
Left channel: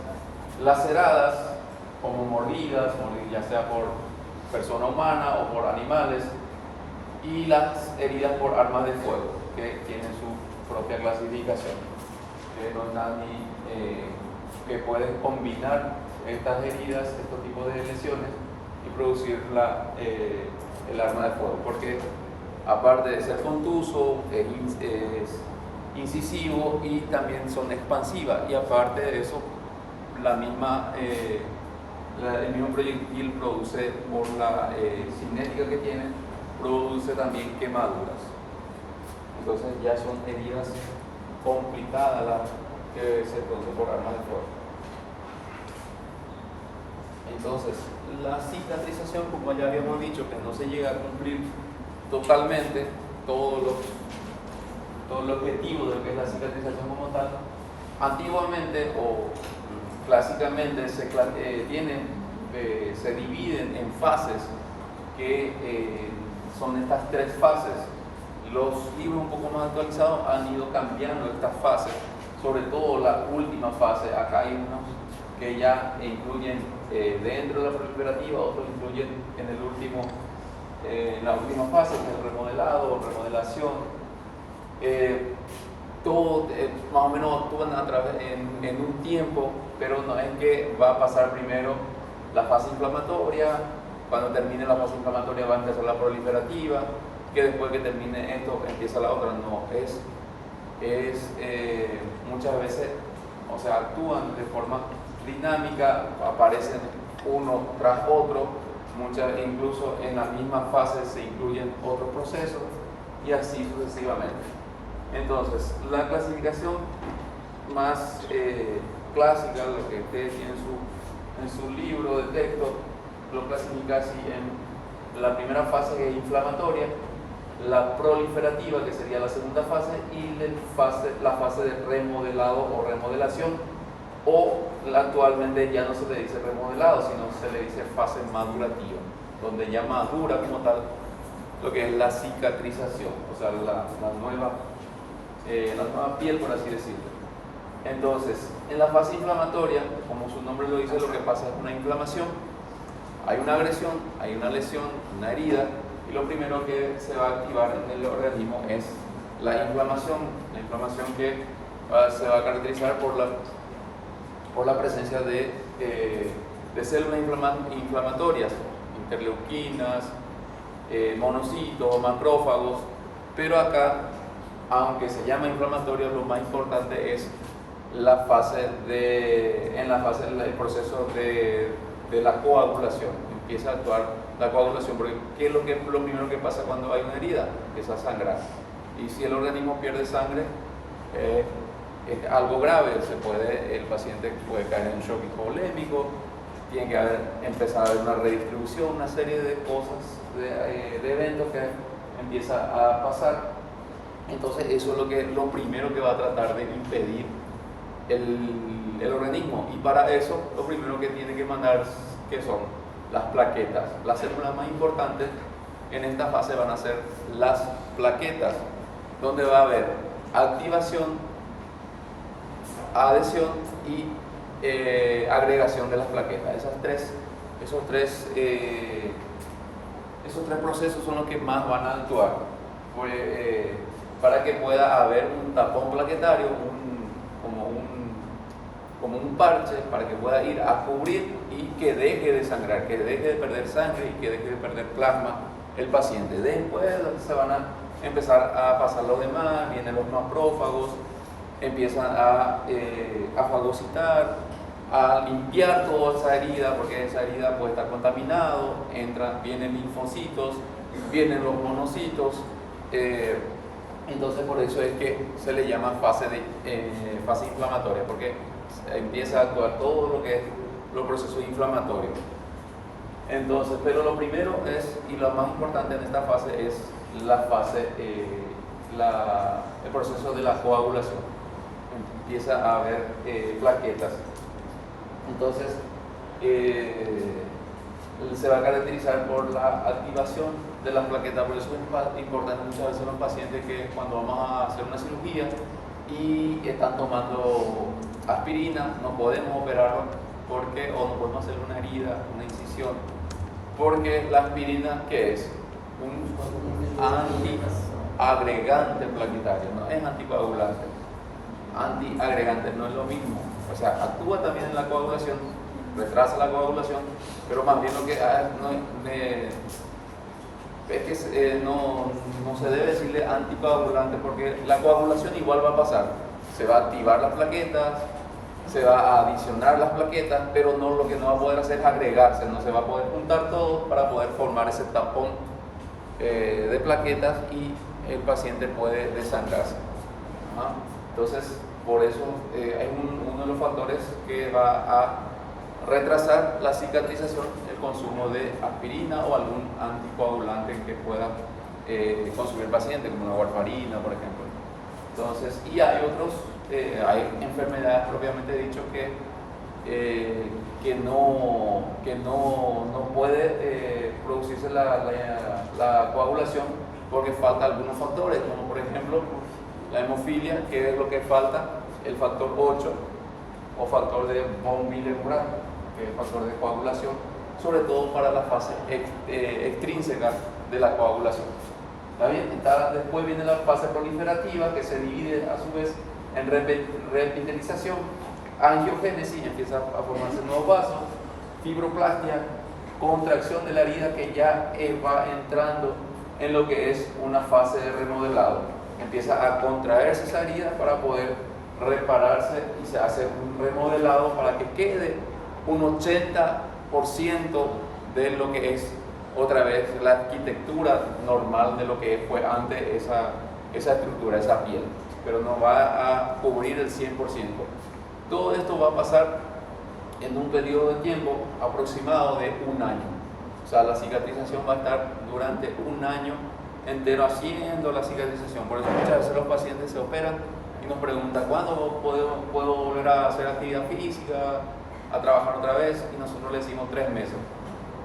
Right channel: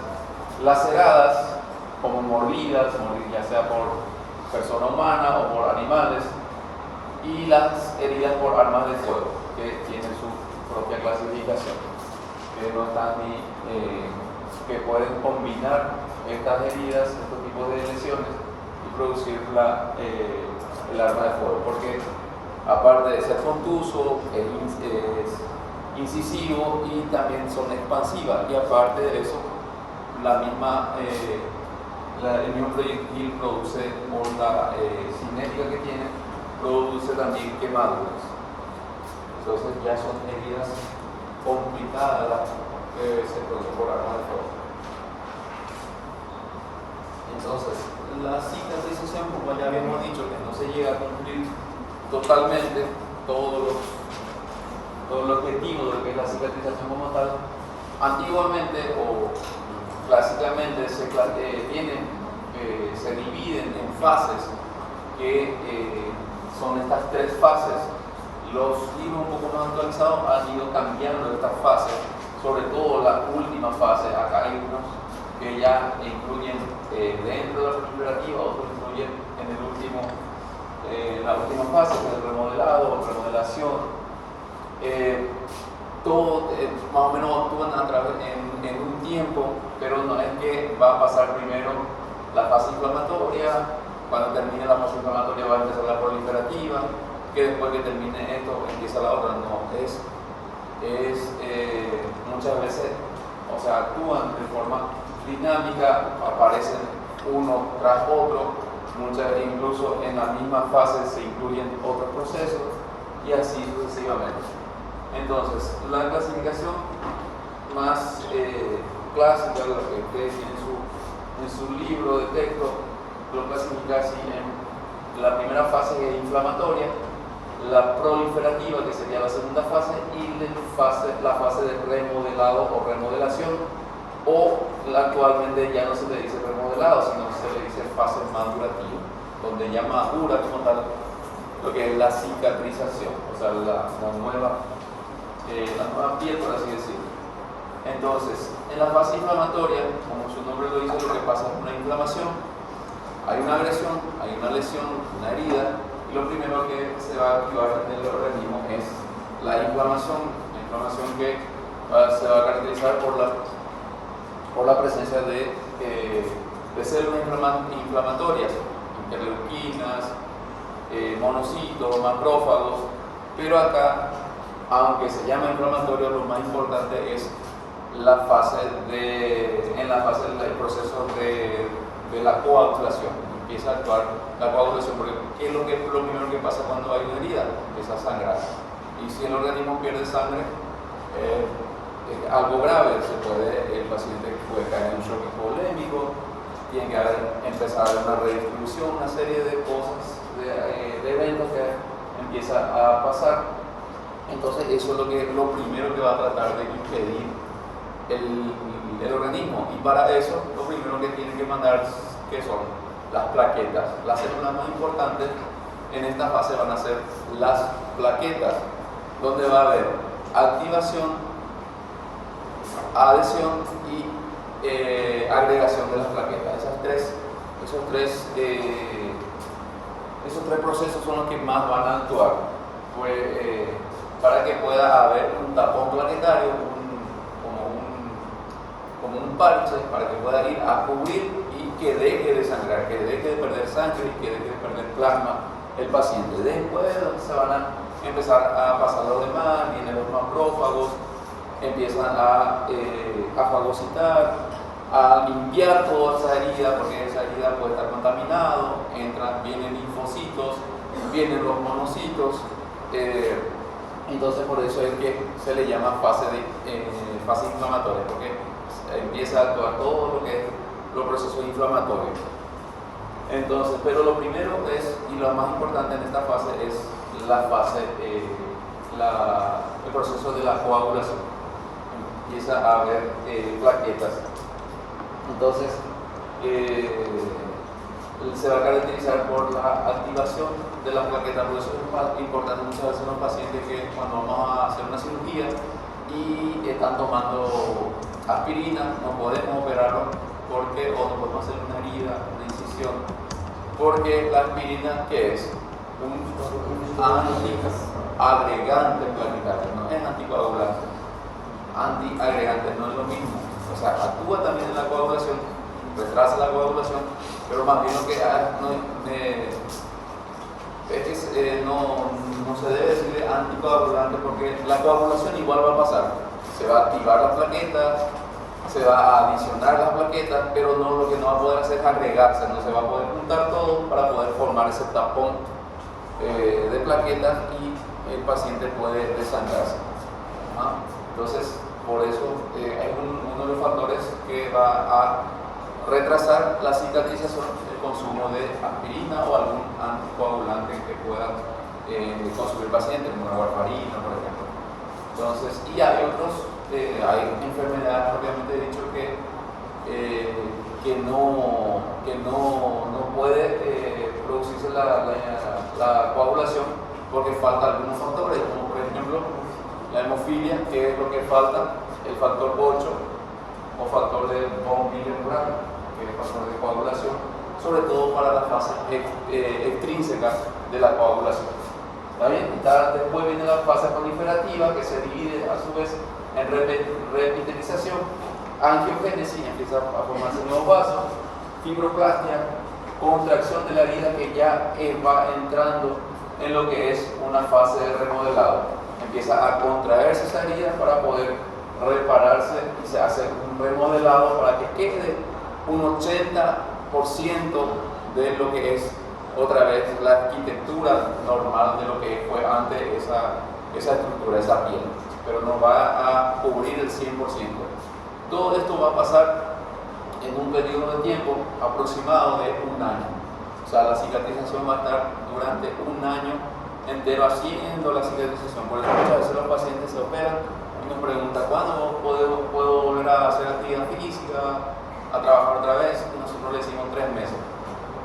laceradas, como mordidas, ya sea por persona humana o por animales, y las heridas por armas de fuego, que tienen su propia clasificación, que no están que pueden combinar estas heridas, estos tipos de lesiones, y producir el arma de fuego, porque aparte de ser contuso, es incisivo y también son expansivas, y aparte de eso, el mismo proyectil produce, por la cinética que tiene, produce también quemaduras. Entonces ya son heridas complicadas las que se producen por armas de fuego. Entonces, la cicatrización, como ya habíamos dicho, que no se llega a cumplir totalmente todo el objetivo de lo que es la cicatrización como tal, antiguamente o clásicamente se dividen en fases que son estas tres fases. Los libros un poco más actualizados han ido cambiando estas fases, sobre todo la última fase. Acá hay unos que ya incluyen dentro de la proliferativa, otros incluyen en la última fase, que es el remodelado, remodelación. Todo más o menos actúan en un tiempo, pero no es que va a pasar primero la fase inflamatoria, cuando termine la fase inflamatoria va a empezar la proliferativa, que después que termine esto empieza la otra. No, es muchas veces, o sea, actúan de forma dinámica, aparecen uno tras otro, incluso en la misma fase se incluyen otros procesos y así sucesivamente. Entonces, la clasificación más clásica, lo que ustedes tienen en su libro de texto, lo clasifica así en la primera fase, que es inflamatoria, la proliferativa, que sería la segunda fase, y la fase de remodelado o remodelación, o actualmente ya no se le dice remodelado, sino se le dice fase madurativa, donde ya madura como tal lo que es la cicatrización, o sea, la nueva piel, por así decirlo. Entonces, en la fase inflamatoria, como su nombre lo dice, lo que pasa es una inflamación, hay una agresión, hay una lesión, una herida, y lo primero que se va a activar en el organismo es la inflamación que se va a caracterizar por la presencia de células inflamatorias, interleuquinas, monocitos, macrófagos, pero acá, aunque se llama inflamatorio, lo más importante es el proceso de la coagulación. Empieza a actuar la coagulación, porque ¿qué es lo primero que pasa cuando hay una herida? Empieza a sangrar. Y si el organismo pierde sangre, es algo grave. El paciente puede caer en un shock hipovolémico, tiene que empezar a haber una redistribución, una serie de cosas, de eventos que empieza a pasar. Entonces eso es lo primero que va a tratar de impedir el organismo, y para eso lo primero que tiene que mandar, que son las plaquetas. Las células más importantes en esta fase van a ser las plaquetas, donde va a haber activación, adhesión y agregación de las plaquetas. Esos tres procesos son los que más van a actuar, para que pueda haber un tapón plaquetario, como un parche, para que pueda ir a cubrir y que deje de sangrar, que deje de perder sangre y que deje de perder plasma el paciente. Después se van a empezar a pasar los demás, vienen los macrófagos, empiezan a fagocitar, a limpiar toda esa herida, porque esa herida puede estar contaminada, vienen linfocitos, vienen los monocitos. Entonces por eso es que se le llama fase inflamatoria, porque empieza a actuar todo lo que es los procesos inflamatorios. Entonces, pero lo primero y lo más importante en esta fase es el proceso de la coagulación. Empieza a haber plaquetas. Entonces, se va a caracterizar por la activación de la plaqueta. Por eso es importante muchas veces en los pacientes que cuando vamos a hacer una cirugía y están tomando aspirina, no podemos operarlo o no podemos hacer una herida, una incisión, porque la aspirina, ¿qué es? Un antiagregante plaquetario, no es anticoagulante. Antiagregante no es lo mismo, o sea, actúa también en la coagulación, retrasa la coagulación, pero más bien lo que no se debe decirle anticoagulante, porque la coagulación igual va a pasar. Se va a activar las plaquetas, se va a adicionar las plaquetas, pero no, lo que no va a poder hacer es agregarse, no se va a poder juntar todo para poder formar ese tapón de plaquetas y el paciente puede desangrarse. Entonces, por eso es uno de los factores que va a retrasar la cicatrización, el consumo de aspirina o algún anticoagulante que pueda consumir el paciente, como la warfarina, por ejemplo. Entonces, y hay otros, hay enfermedades propiamente dicho que no puede producirse la coagulación porque falta algunos factores, como por ejemplo la hemofilia, que es lo que falta, el factor 8 o factor de von Willebrand, que es el factor de coagulación, sobre todo para la fase extrínseca de la coagulación. ¿Está bien? Después viene la fase proliferativa, que se divide a su vez en reepitelización, angiogénesis, empieza a formarse nuevos vasos, fibroplastia, contracción de la herida que ya va entrando en lo que es una fase de remodelado. Empieza a contraerse esa herida para poder repararse y se hace un remodelado para que quede un 80% de lo que es otra vez la arquitectura normal de lo que fue antes esa estructura, esa piel, pero no va a cubrir el 100%. Todo esto va a pasar en un periodo de tiempo aproximado de un año. O sea, la cicatrización va a estar durante un año entero haciendo la cicatrización. Por eso muchas veces los pacientes se operan y nos preguntan ¿cuándo puedo volver a hacer actividad física, a trabajar otra vez? Y nosotros le decimos 3 meses.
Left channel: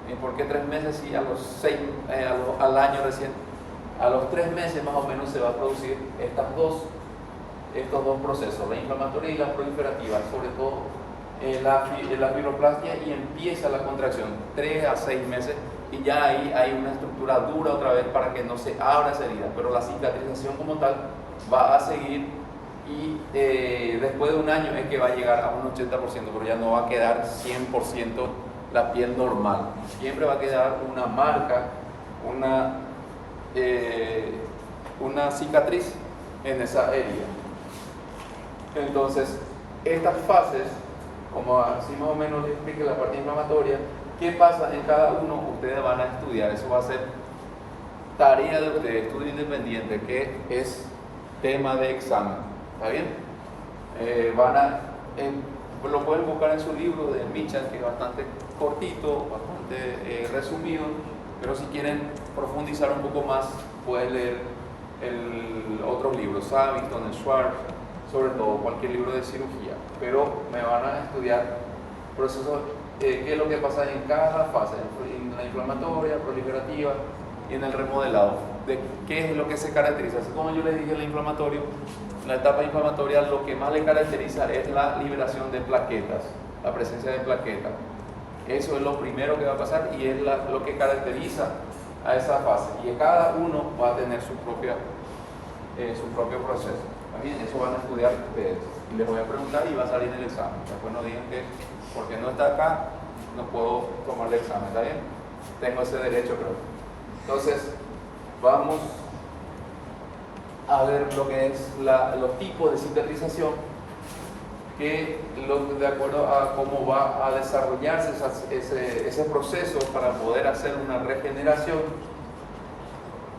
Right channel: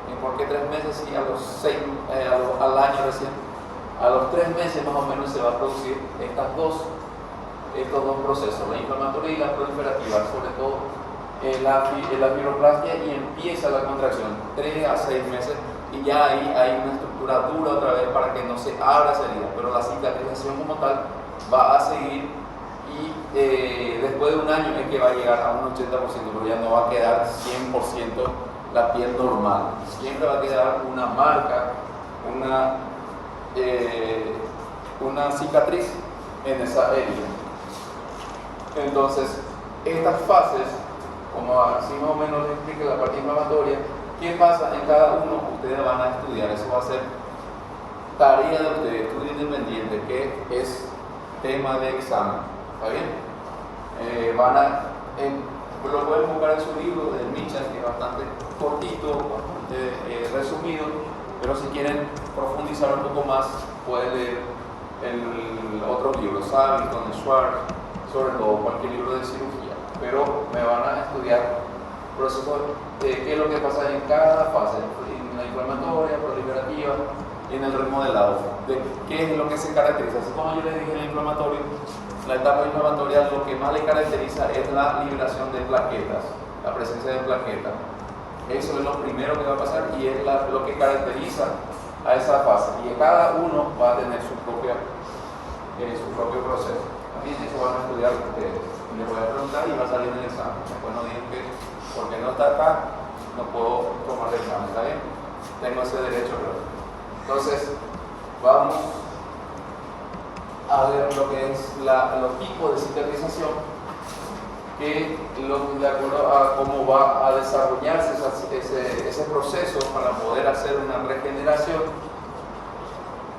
¿Y por qué 3 meses? Si a los 6, al año recién, a los 3 meses más o menos se va a producir estos dos procesos, la inflamatoria y la proliferativa, sobre todo la fibroplastia, y empieza la contracción 3 a 6 meses y ya ahí hay una estructura dura otra vez para que no se abra esa herida, pero la cicatrización como tal va a seguir y después de un año es que va a llegar a un 80%, pero ya no va a quedar 100% la piel normal, siempre va a quedar una marca, una cicatriz en esa herida. Entonces, estas fases, como así más o menos les expliqué la parte inflamatoria, ¿qué pasa en cada uno? Ustedes van a estudiar, eso va a ser tarea de ustedes, estudio independiente, que es tema de examen, ¿está bien? Lo pueden buscar en su libro de Mitchell, que es bastante cortito, bastante resumido, pero si quieren profundizar un poco más, pueden leer otros libros, Savington, Schwartz, sobre todo cualquier libro de cirugía, pero me van a estudiar procesos, qué es lo que pasa en cada fase, en la inflamatoria, proliferativa y en el remodelado, de qué es lo que se caracteriza. Así como yo les dije en el inflamatorio, la etapa inflamatoria lo que más le caracteriza es la liberación de plaquetas, la presencia de plaquetas. Eso es lo primero que va a pasar y es lo que caracteriza a esa fase. Y cada uno va a tener su propio proceso. También eso van a estudiar ustedes. Y les voy a preguntar y va a salir en el examen. Después no digan que porque no está acá, no puedo tomar el examen. ¿Está bien? Tengo ese derecho, creo. Entonces, vamos a ver lo que es los tipos de cicatrización, que de acuerdo a cómo va a desarrollarse ese proceso para poder hacer una regeneración.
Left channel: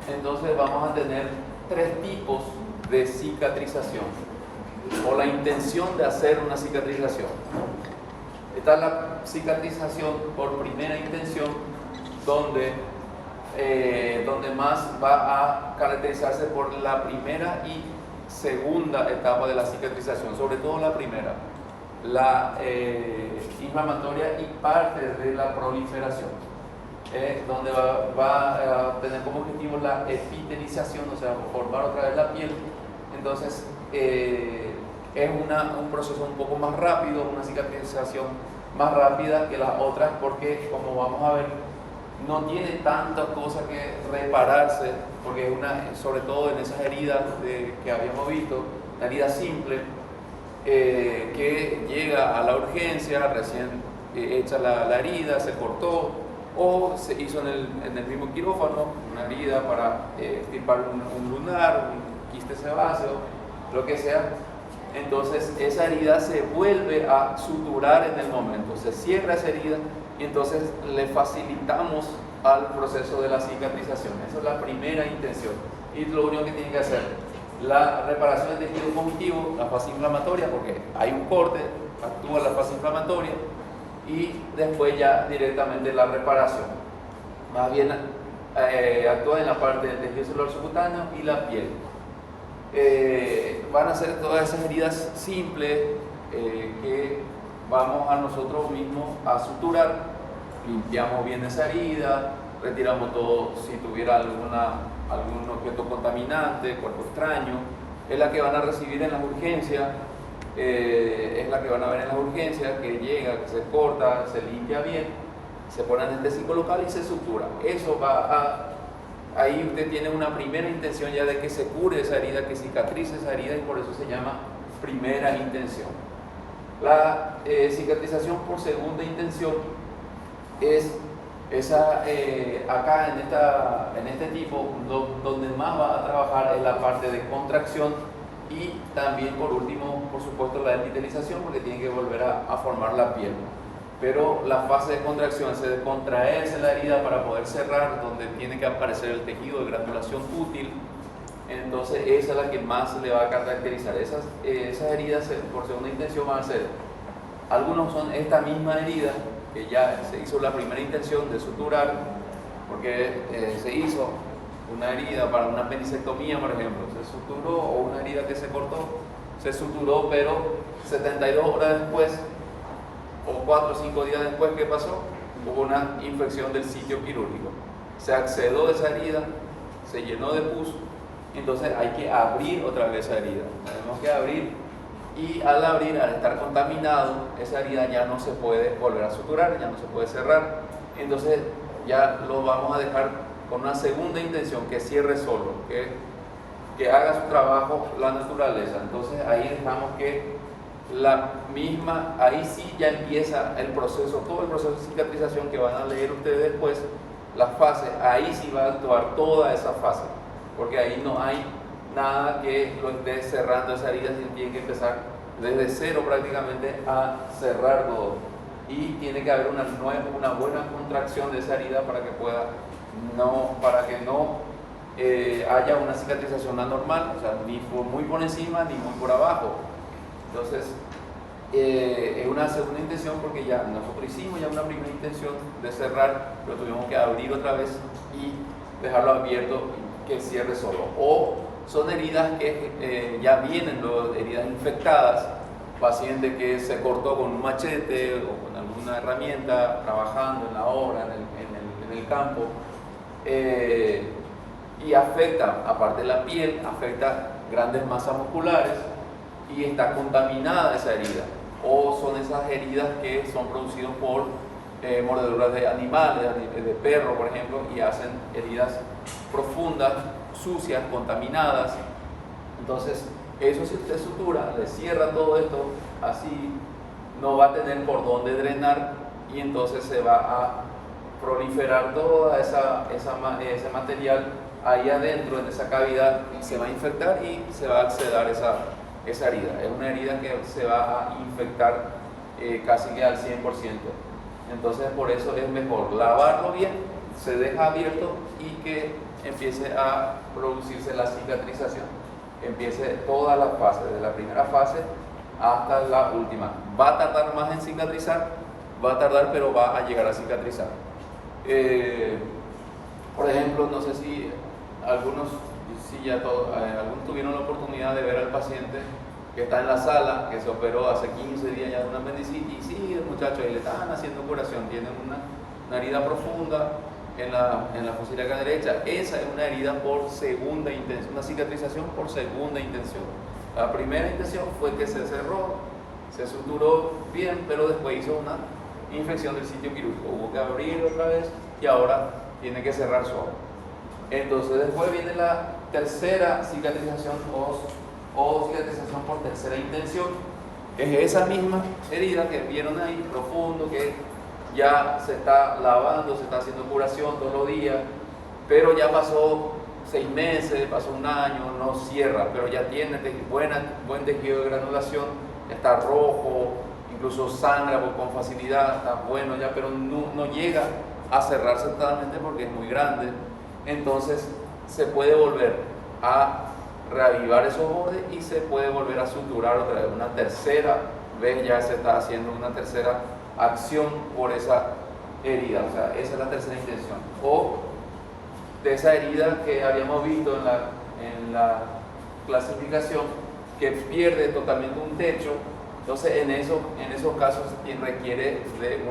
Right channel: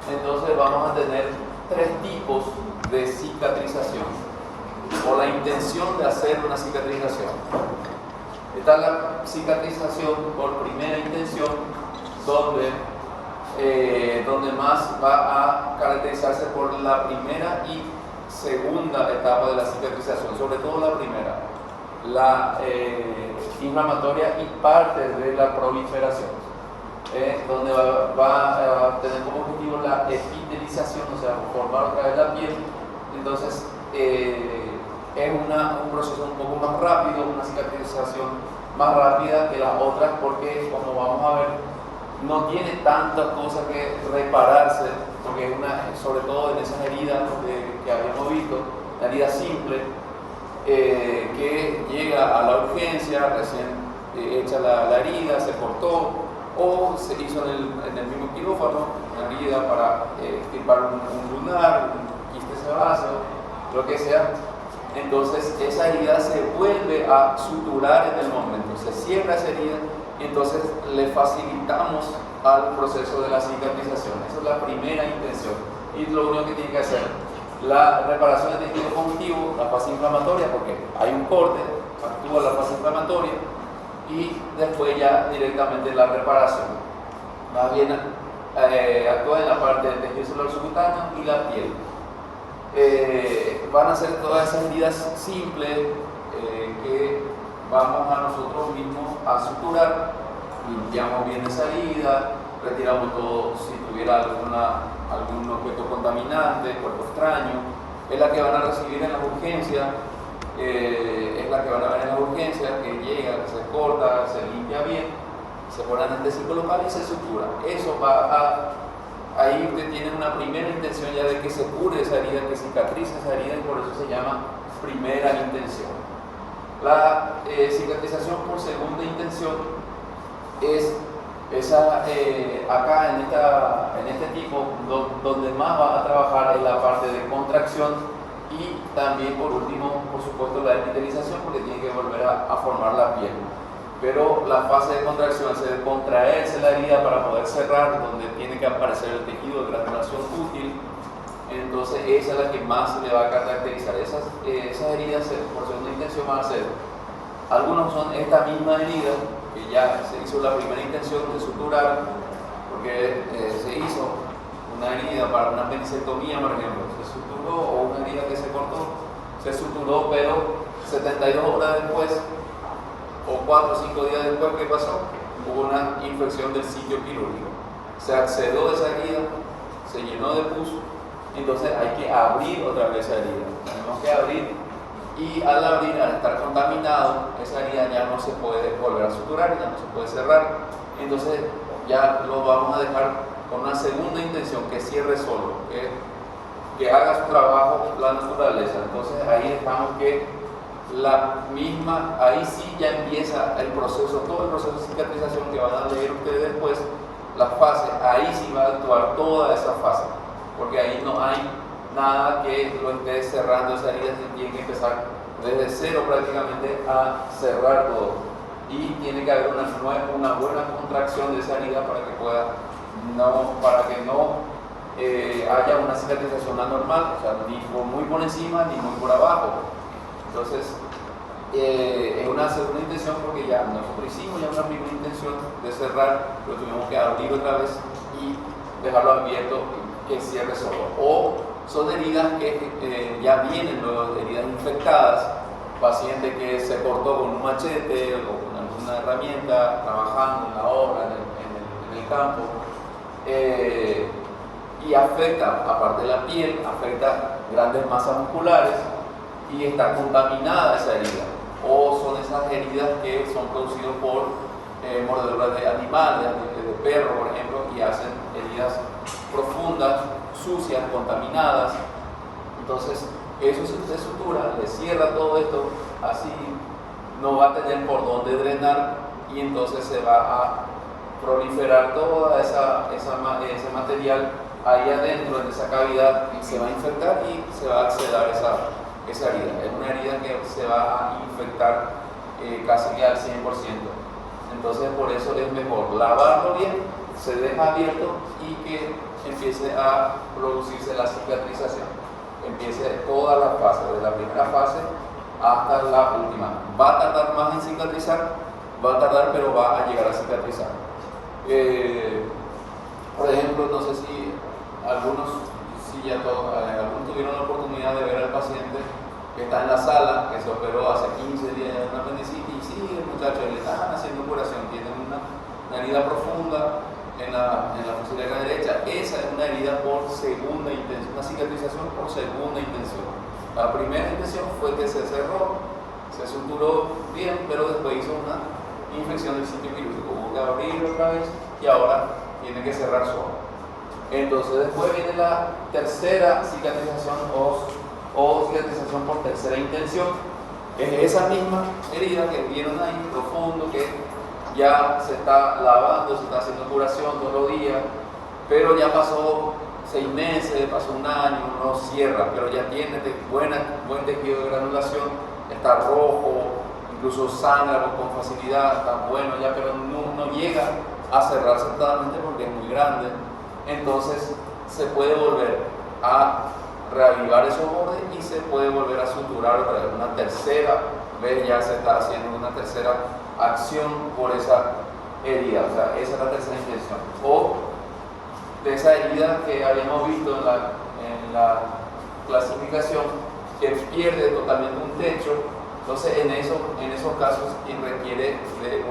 Entonces vamos a tener 3 tipos de cicatrización o la intención de hacer una cicatrización. Está la cicatrización por primera intención, donde más va a caracterizarse por la primera y segunda etapa de la cicatrización, sobre todo la primera, la inflamatoria y parte de la proliferación, donde va a tener como objetivo la epitelización, o sea, formar otra vez la piel. Entonces es un proceso un poco más rápido, una cicatrización más rápida que las otras, porque como vamos a ver, no tiene tantas cosas que repararse, porque es sobre todo en esas heridas que habíamos visto, una herida simple, que llega a la urgencia, recién hecha la herida, se cortó, o se hizo en el mismo quirófano, una herida para extirpar un lunar, un quiste sebáceo, lo que sea, entonces esa herida se vuelve a suturar en el momento, se cierra esa herida y entonces le facilitamos al proceso de la cicatrización. Esa es la primera intención y lo único que tiene que hacer la reparación del tejido conjuntivo, la fase inflamatoria, porque hay un corte, actúa la fase inflamatoria y después ya directamente la reparación. Más bien actúa en la parte del tejido celular subcutáneo y la piel. Van a ser todas esas heridas simples que vamos a nosotros mismos a suturar, limpiamos bien esa herida, retiramos todo si tuviera algún objeto contaminante, cuerpo extraño, es la que van a recibir en las urgencias, es la que van a ver en las urgencias, que llega, que se corta, se limpia bien, se pone anestésico local y se sutura. Eso ahí usted tiene una primera intención ya de que se cure esa herida, que cicatrice esa herida y por eso se llama primera intención. La cicatrización por segunda intención es esa, acá en este tipo, donde más va a trabajar es la parte de contracción y también por último, por supuesto, la epitelización, porque tiene que volver a formar la piel. Pero la fase de contracción es de contraerse la herida para poder cerrar, donde tiene que aparecer el tejido de granulación útil. Entonces esa es la que más le va a caracterizar. Esas heridas por segunda intención van a ser, algunos son esta misma herida que ya se hizo la primera intención de suturar, porque se hizo una herida para una apendicectomía, por ejemplo, se suturó, o una herida que se cortó, se suturó, pero 72 horas después o 4 o 5 días después, ¿qué pasó? Hubo una infección del sitio quirúrgico, se accedió esa herida, se llenó de pus, entonces hay que abrir otra vez esa herida, tenemos que abrir. Y al abrir, al estar contaminado, esa herida ya no se puede volver a suturar, ya no se puede cerrar. Entonces ya lo vamos a dejar con una segunda intención, que cierre solo, que haga su trabajo la naturaleza. Entonces ahí dejamos que la misma, ahí sí ya empieza el proceso, todo el proceso de cicatrización que van a leer ustedes después, las fases, ahí sí va a actuar toda esa fase, porque ahí no hay nada que lo esté cerrando esa herida, tiene que empezar desde cero prácticamente a cerrar todo y tiene que haber una buena contracción de esa herida para que no haya una cicatrización anormal, o sea, ni muy por encima ni muy por abajo. Entonces es una segunda intención porque ya nosotros hicimos ya una primera intención de cerrar, pero tuvimos que abrir otra vez y dejarlo abierto que cierre solo. O son heridas que ya vienen luego, heridas infectadas, paciente que se cortó con un machete o con alguna herramienta, trabajando en la obra, en el campo, y afecta, aparte de la piel, afecta grandes masas musculares y está contaminada esa herida. O son esas heridas que son producidas por mordeduras de animales, de perro, por ejemplo, y hacen heridas profundas, sucias, contaminadas. Entonces eso se usted sutura, le cierra todo esto, así no va a tener por dónde drenar y entonces se va a proliferar todo ese material ahí adentro en esa cavidad y se va a infectar y se va a acceder esa herida. Es una herida que se va a infectar casi que al 100%. Entonces por eso es mejor lavarlo bien, se deja abierto y que empiece a producirse la cicatrización, que empiece toda la fase, desde la primera fase hasta la última. Va a tardar más en cicatrizar, va a tardar, pero va a llegar a cicatrizar. Por ejemplo, no sé si algunos tuvieron la oportunidad de ver al paciente que está en la sala, que se operó hace 15 días de una apendicitis, y sí, el muchacho le están haciendo curación, tiene una herida profunda en la fosa ilíaca derecha. Esa es una herida por segunda intención, una cicatrización por segunda intención. La primera intención fue que se cerró, se suturó bien, pero después hizo una infección del sitio quirúrgico, hubo que abrir otra vez y ahora tiene que cerrar solo. Entonces después viene la tercera cicatrización o cicatrización por tercera intención. Es esa misma herida que vieron ahí, profundo, que ya se está lavando, se está haciendo curación todos los días, pero ya pasó 6 meses, pasó un año, no cierra, pero ya tiene buen tejido de granulación, está rojo, incluso sangra con facilidad, está bueno ya, pero no llega a cerrarse totalmente porque es muy grande. Entonces se puede volver a reavivar esos bordes y se puede volver a suturar otra vez. Una tercera vez ya se está haciendo una tercera acción por esa herida, o sea, esa es la tercera intención. O de esa herida que habíamos visto en la clasificación, que pierde totalmente un techo. Entonces en esos casos quien requiere de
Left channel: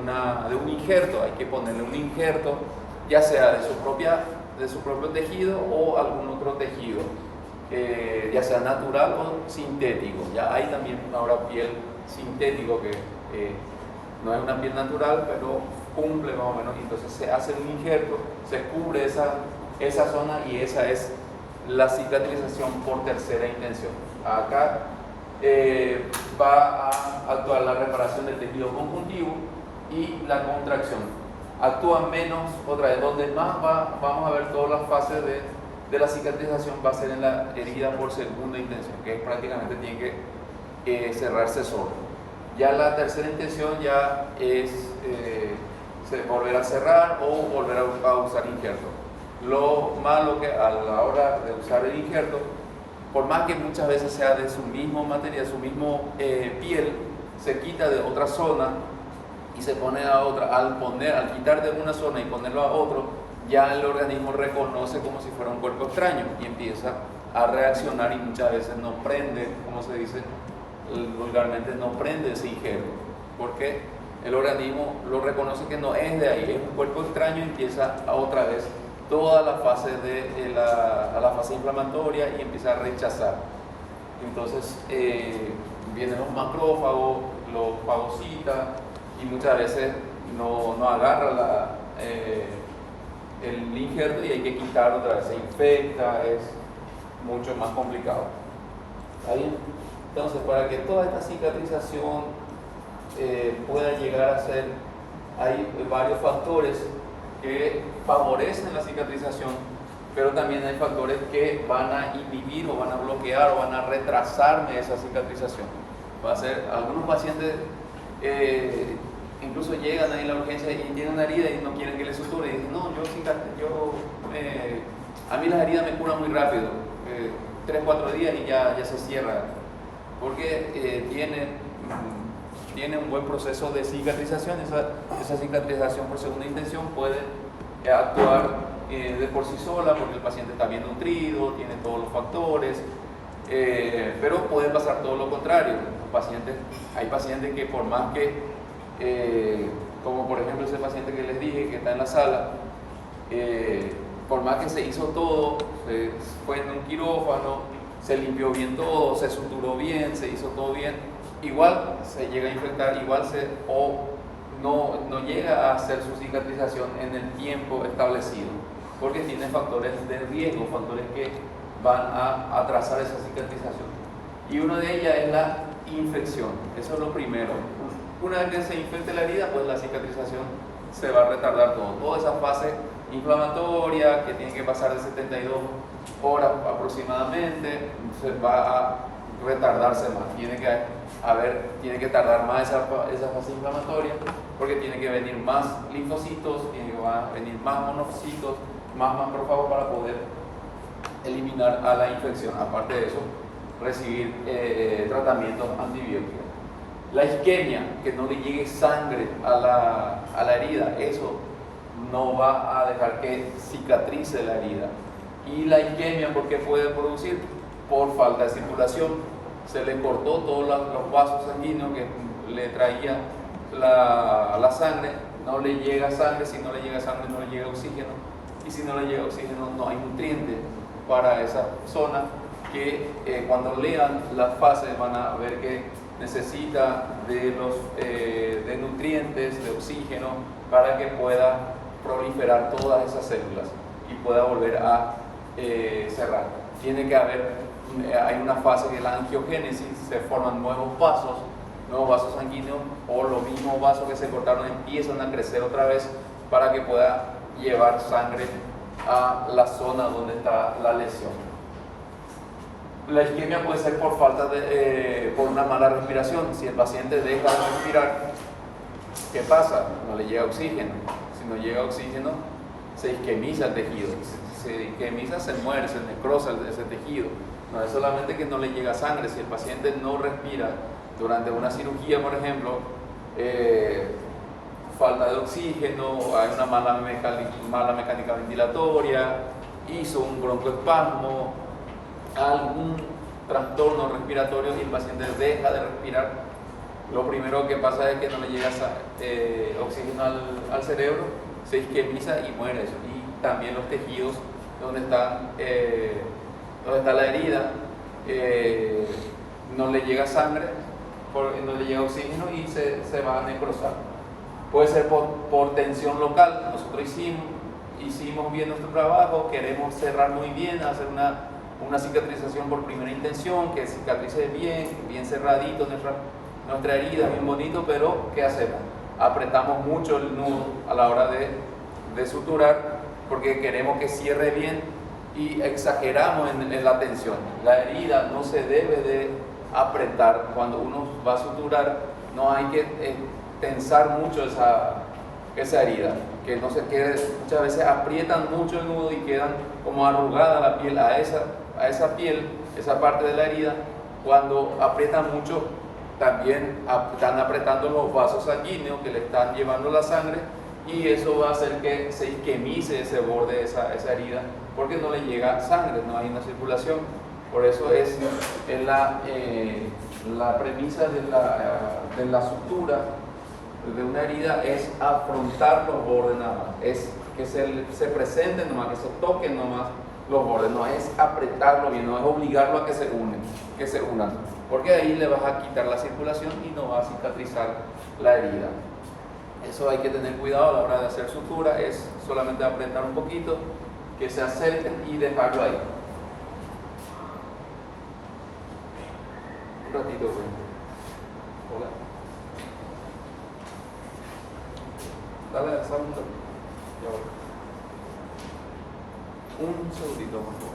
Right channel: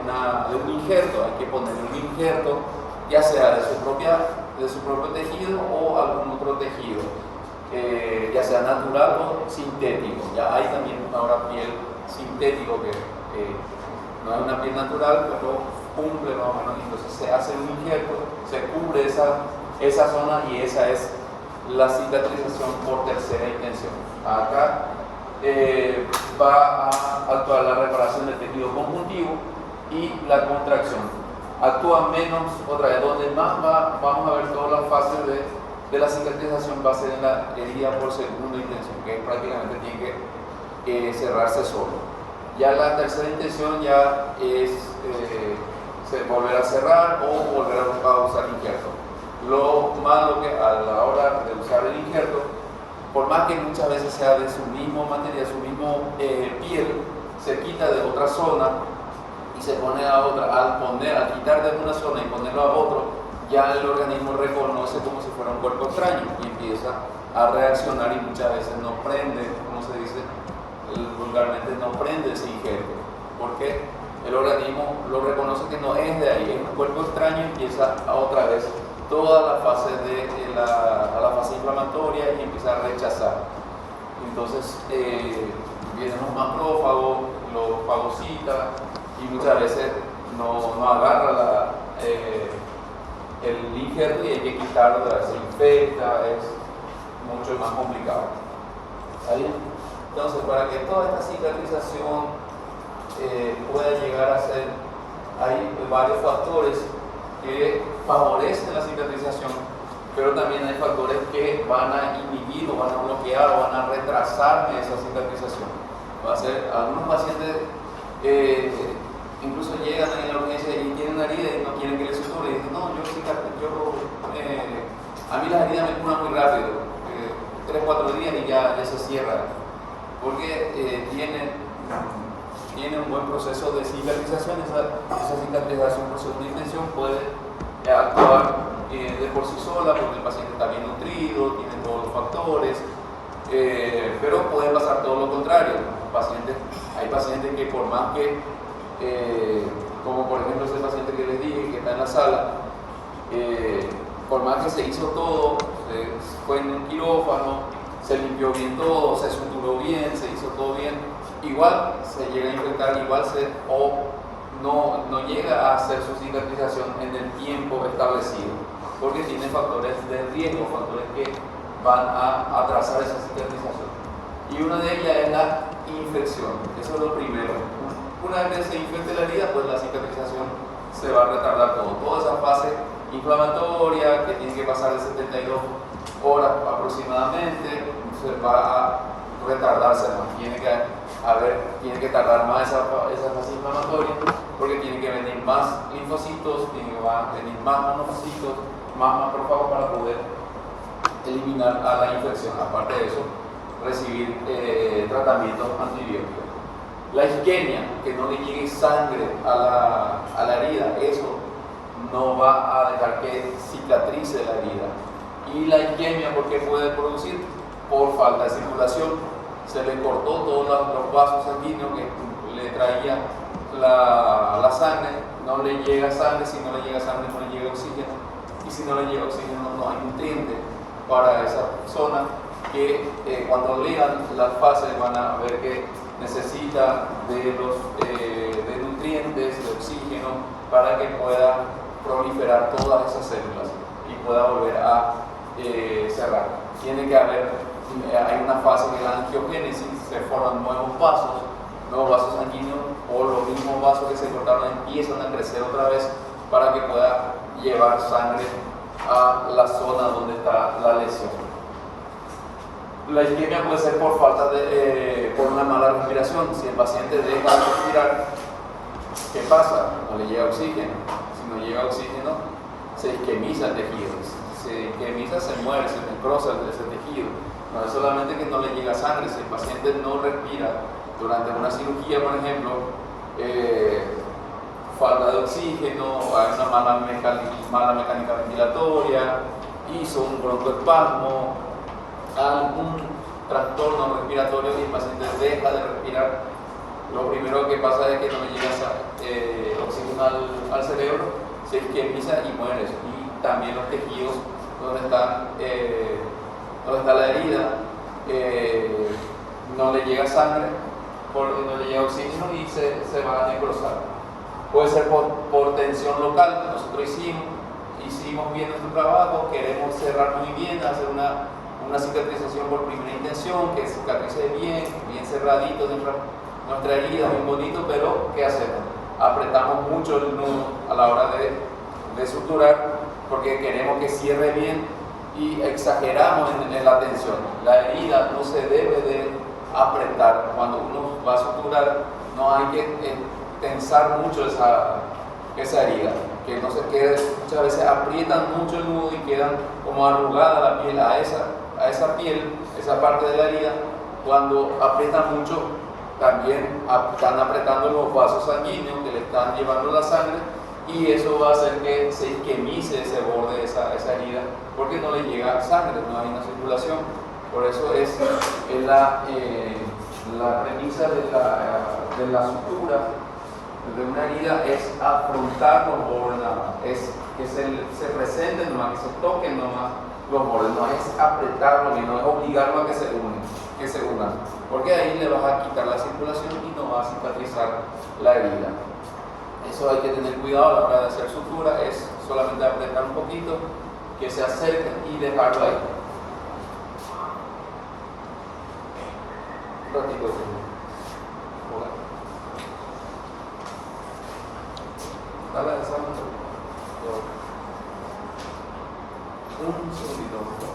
un injerto, hay que ponerle un injerto, ya sea de su propio tejido o algún otro tejido, ya sea natural o sintético. Ya hay también ahora piel sintético que no es una piel natural, pero cumple más o menos. Entonces se hace un injerto, se cubre esa zona y esa es la cicatrización por tercera intención. Acá va a actuar la reparación del tejido conjuntivo y la contracción. Actúa menos, otra vez, donde más vamos a ver todas las fases de la cicatrización va a ser en la herida por segunda intención, que prácticamente tiene que cerrarse solo. Ya la tercera intención ya es volver a cerrar o volver a usar injerto. Lo malo que a la hora de usar el injerto, por más que muchas veces sea de su mismo material, su mismo piel, se quita de otra zona y se pone a otra. Al quitar de una zona y ponerlo a otro, ya el organismo reconoce como si fuera un cuerpo extraño y empieza a reaccionar y muchas veces no prende, como se dice vulgarmente, no prende ese injerto, porque el organismo lo reconoce que no es de ahí, es un cuerpo extraño y empieza a otra vez toda la fase la fase inflamatoria y empieza a rechazar. Entonces vienen los macrófagos, los fagocitas y muchas veces no agarra el injerto y hay que quitarlo, se infecta, es mucho más complicado. ¿Está bien? Entonces, para que toda esta cicatrización pueda llegar a ser, hay varios factores que favorecen la cicatrización, pero también hay factores que van a inhibir o van a bloquear o van a retrasar esa cicatrización. Va a ser, algunos pacientes incluso llegan ahí en la urgencia y tienen herida y no quieren que les suture y dicen, no, a mí las heridas me curan muy rápido, 3-4 días y ya se cierra, porque tiene un buen proceso de cicatrización. Esa cicatrización por segunda intención puede actuar de por sí sola porque el paciente está bien nutrido, tiene todos los factores, pero puede pasar todo lo contrario. Hay pacientes que por más que, como por ejemplo ese paciente que les dije que está en la sala, por más que se hizo todo, se fue en un quirófano, se limpió bien todo, se suturó bien, se hizo todo bien, igual se llega a infectar, no llega a hacer su cicatrización en el tiempo establecido, porque tiene factores de riesgo, factores que van a atrasar esa cicatrización. Y una de ellas es la infección, eso es lo primero. Una vez que se infecte la herida, pues la cicatrización se va a retardar todo. Toda esa fase inflamatoria que tiene que pasar de 72 horas aproximadamente, se va a retardarse más. Tiene que tardar más esa fase inflamatoria, porque tiene que venir más linfocitos, tiene que venir más monocitos, más macrófagos para poder eliminar a la infección. Aparte de eso, recibir tratamientos antibióticos. La isquemia, que no le llegue sangre a la herida, eso no va a dejar que cicatrice la herida. Y la isquemia, ¿por qué puede producir? Por falta de circulación. Se le cortó todos los vasos sanguíneos que le traía la sangre, no le llega sangre, si no le llega sangre no le llega oxígeno, y si no le llega oxígeno no hay nutrientes para esa zona, que cuando lean las fases van a ver que necesita de nutrientes, de oxígeno, para que pueda proliferar todas esas células y pueda volver a cerrar. Tiene que haber, hay una fase que es la angiogénesis, se forman nuevos vasos sanguíneos, o los mismos vasos que se cortaron empiezan a crecer otra vez para que pueda llevar sangre a la zona donde está la lesión. La isquemia puede ser por falta de, por una mala respiración. Si el paciente deja de respirar, ¿qué pasa? No le llega oxígeno. Si no llega oxígeno, se isquemiza el tejido. Se isquemiza, se muere, se necrosa ese tejido. No es solamente que no le llega sangre. Si el paciente no respira durante una cirugía, por ejemplo, falta de oxígeno, hay una mala mecánica ventilatoria, hizo un broncoespasmo, algún trastorno respiratorio y el paciente deja de respirar, lo primero que pasa es que no le llega oxígeno al cerebro, se isquemiza y muere. Y también los tejidos donde está la herida, no le llega sangre, no le llega oxígeno y se van a necrosar. Puede ser por tensión local. Nosotros hicimos bien nuestro trabajo, queremos cerrar muy bien, hacer una cicatrización por primera intención, que cicatrice bien cerradito nuestra herida, bien bonito, pero ¿qué hacemos? Apretamos mucho el nudo a la hora de suturar porque queremos que cierre bien y exageramos en la tensión. La herida no se debe de apretar. Cuando uno va a suturar, no hay que tensar mucho esa herida, que no se quede. Muchas veces aprietan mucho el nudo y quedan como arrugada la piel a esa piel, esa parte de la herida. Cuando aprietan mucho, también están apretando los vasos sanguíneos que le están llevando la sangre, y eso va a hacer que se isquemice ese borde de esa herida, porque no le llega sangre, no hay una circulación. Por eso es la premisa de la sutura de una herida, es afrontar los bordes nada más, es que se presenten nomás, que se toquen nomás los bordes, no es apretarlo bien, no es obligarlo a que se unan, porque ahí le vas a quitar la circulación y no va a cicatrizar la herida. Eso hay que tener cuidado a la hora de hacer sutura, es solamente apretar un poquito, que se acerquen y dejarlo ahí. Un ratito. Hola. Dale, un segundito.